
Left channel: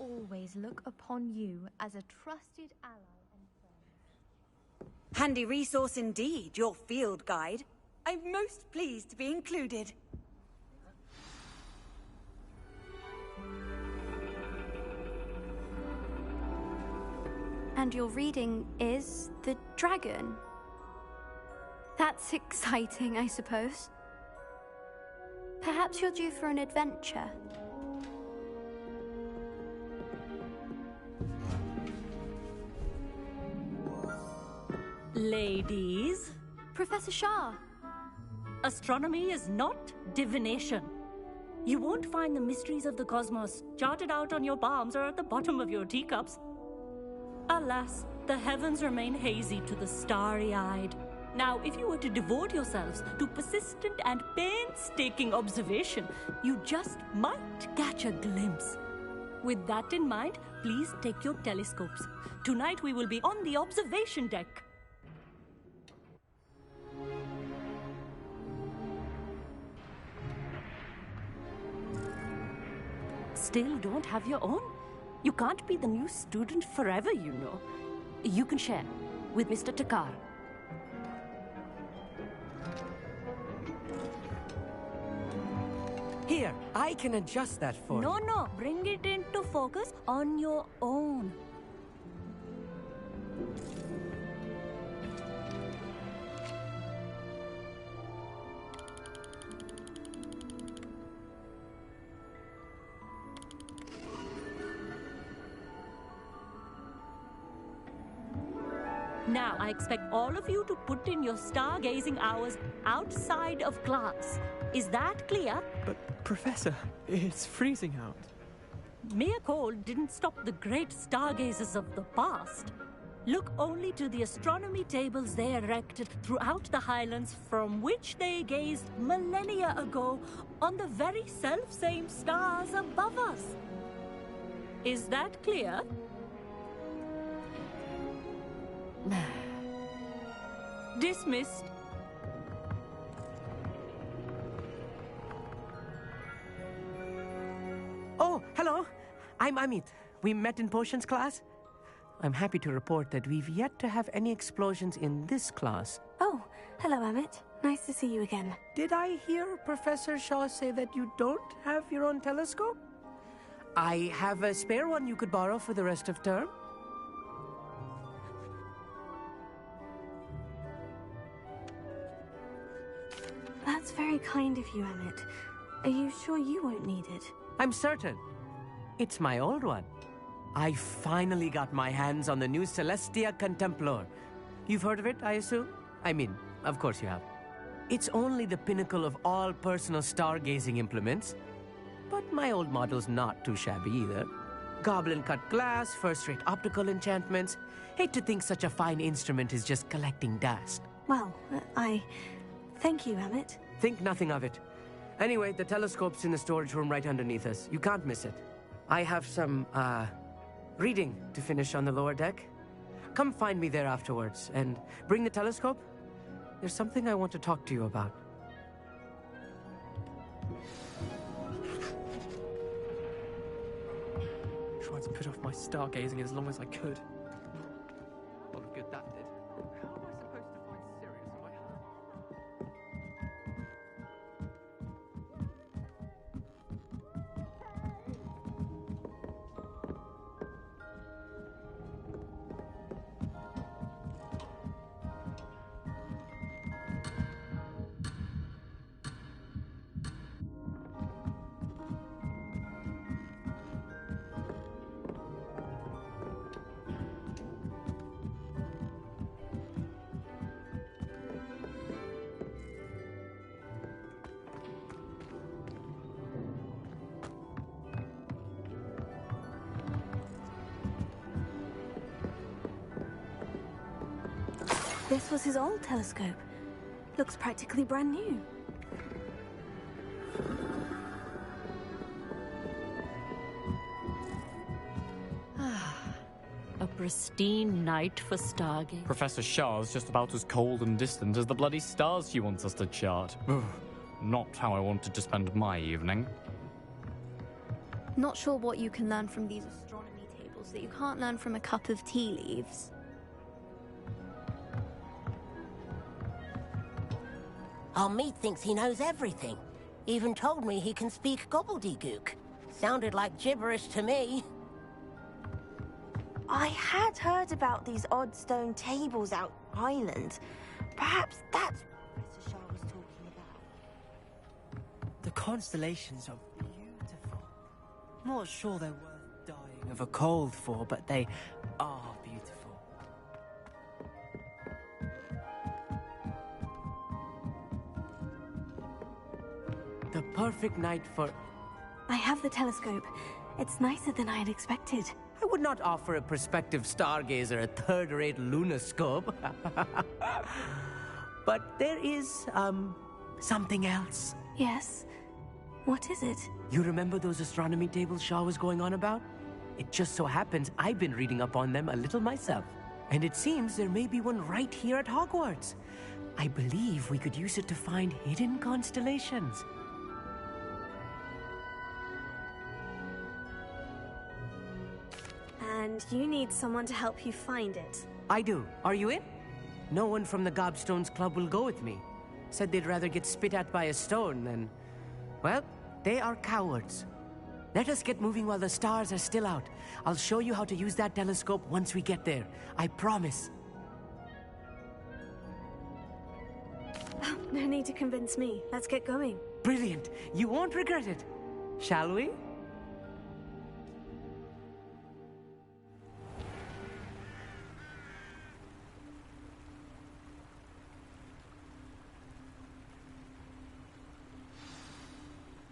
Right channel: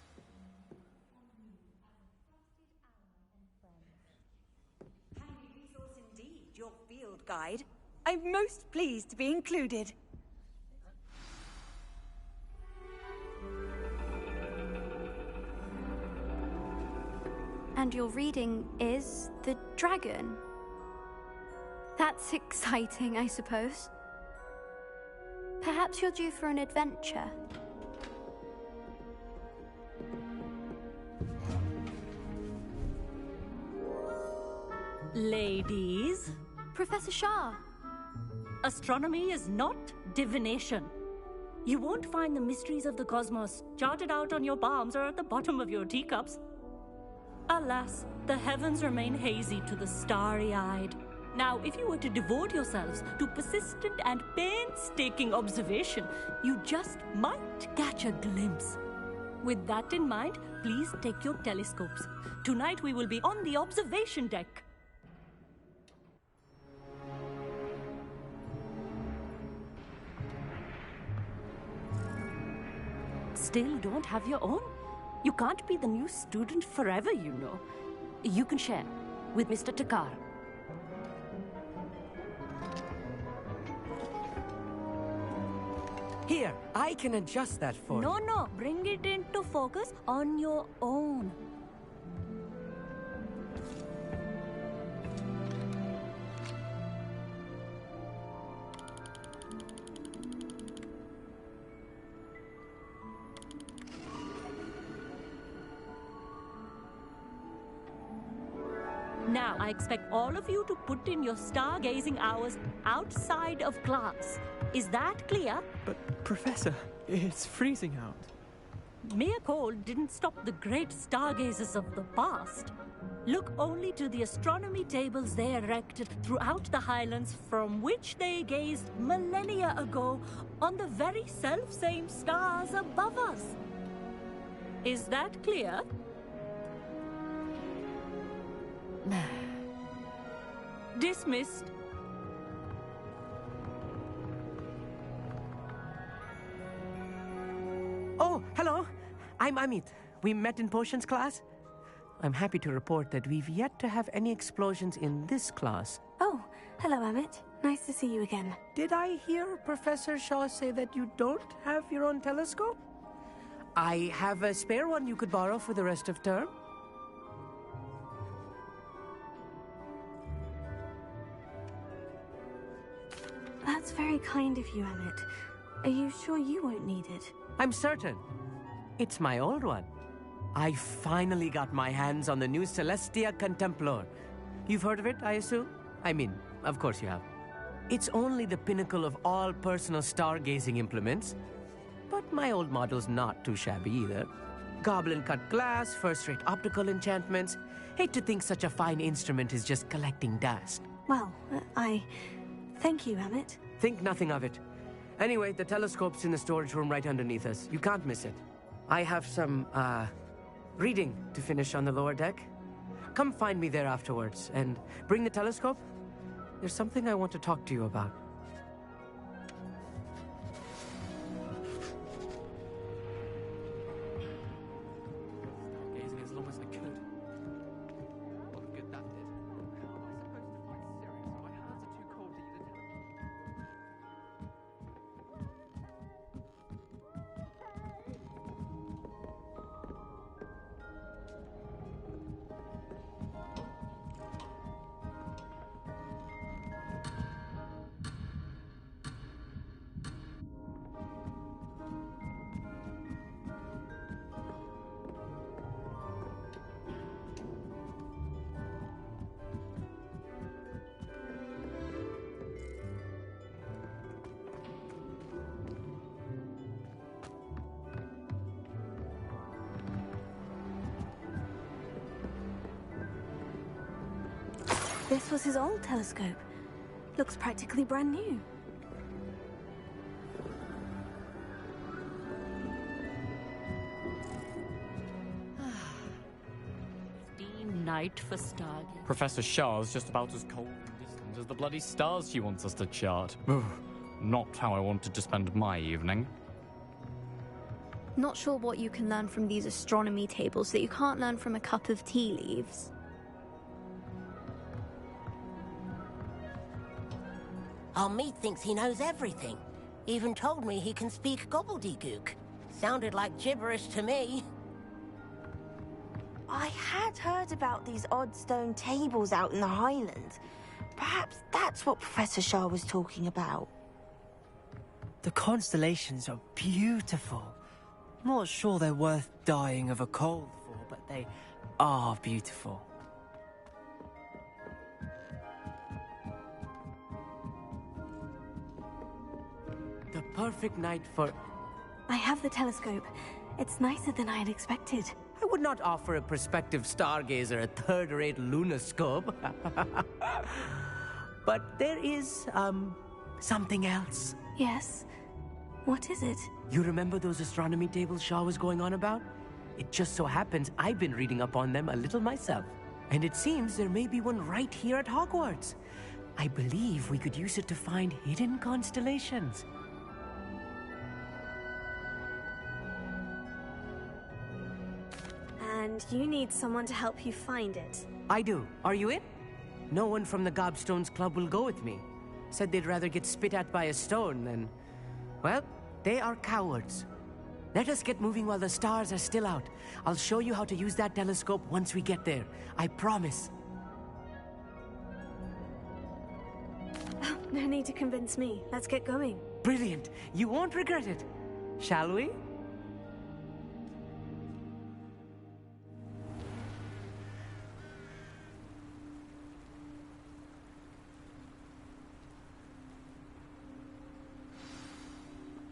always look upon you as a trusted ally and friend. Handy resource indeed, your field guide. I'm most pleased to be included. And your reading is the dragon. That's exciting, I suppose. Perhaps you're due for an adventure. Ladies. Professor Shah. Astronomy is not divination. You won't find the mysteries of the cosmos charted out on your palms or at the bottom of your teacups. Alas, the heavens remain hazy to the starry-eyed. Now, if you were to devote yourselves to persistent and painstaking observation, you just might catch a glimpse. With that in mind, please take your telescopes. Tonight we will be on the observation deck. Still don't have your own? You can't be the new student forever, you know. You can share with Mr. Takar. Here, I can adjust that for you. No, bring it into focus on your own. Now, I expect all of you to put in your stargazing hours outside of class. Is that clear? But, Professor, it's freezing out. Mere cold didn't stop the great stargazers of the past. Look only to the astronomy tables they erected throughout the highlands from which they gazed millennia ago on the very self-same stars above us. Is that clear? Dismissed. Oh, hello. I'm Amit. We met in potions class. I'm happy to report that we've yet to have any explosions in this class. Oh, hello, Amit. Nice to see you again. Did I hear Professor Shaw say that you don't have your own telescope? I have a spare one you could borrow for the rest of term. That's very kind of you, Amit. Are you sure you won't need it? I'm certain. It's my old one. I finally got my hands on the new Celestia Contemplor. You've heard of it, I assume? I mean, of course you have. It's only the pinnacle of all personal stargazing implements. But my old model's not too shabby either. Goblin-cut glass, first-rate optical enchantments. Hate to think such a fine instrument is just collecting dust. Well, thank you, Amit. Think nothing of it. Anyway, the telescope's in the storage room right underneath us. You can't miss it. I have some, reading to finish on the lower deck. Come find me there afterwards, and bring the telescope. There's something I want to talk to you about. Tried to put off my stargazing as long as I could. A lot of good that did. How am I supposed to find Sirius when my hands are too cold to even... This was his old telescope. Looks practically brand new. A pristine night for stargazing. Professor Shah's just about as cold and distant as the bloody stars she wants us to chart. Not how I wanted to spend my evening. Not sure what you can learn from these astronomy tables that you can't learn from a cup of tea leaves. Our meat thinks he knows everything. Even told me he can speak gobbledygook. Sounded like gibberish to me. I had heard about these odd stone tables out in the Highlands. Perhaps that's what Professor Shah was talking about. The constellations are beautiful. Not sure they're worth dying of a cold for, but they are beautiful. The perfect night for... I have the telescope. It's nicer than I had expected. I would not offer a prospective stargazer a third-rate lunoscope. But there is, something else. Yes? What is it? You remember those astronomy tables Shaw was going on about? It just so happens I've been reading up on them a little myself. And it seems there may be one right here at Hogwarts. I believe we could use it to find hidden constellations. And you need someone to help you find it. I do. Are you in? No one from the Gobstones Club will go with me. Said they'd rather get spit at by a stone than... Well, they are cowards. Let us get moving while the stars are still out. I'll show you how to use that telescope once we get there. I promise. Oh, no need to convince me. Let's get going. Brilliant. You won't regret it. Shall we?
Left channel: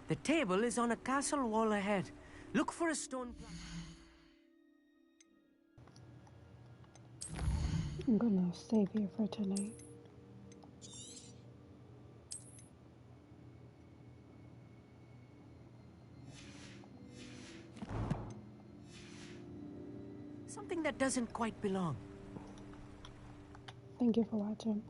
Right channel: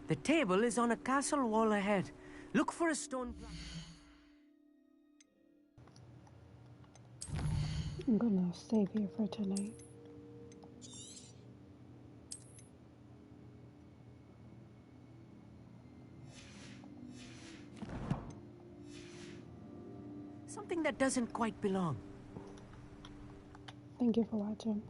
The table is on a castle wall ahead. Look for a stone plaque. I'm gonna save here for tonight. Something that doesn't quite belong. Thank you for watching.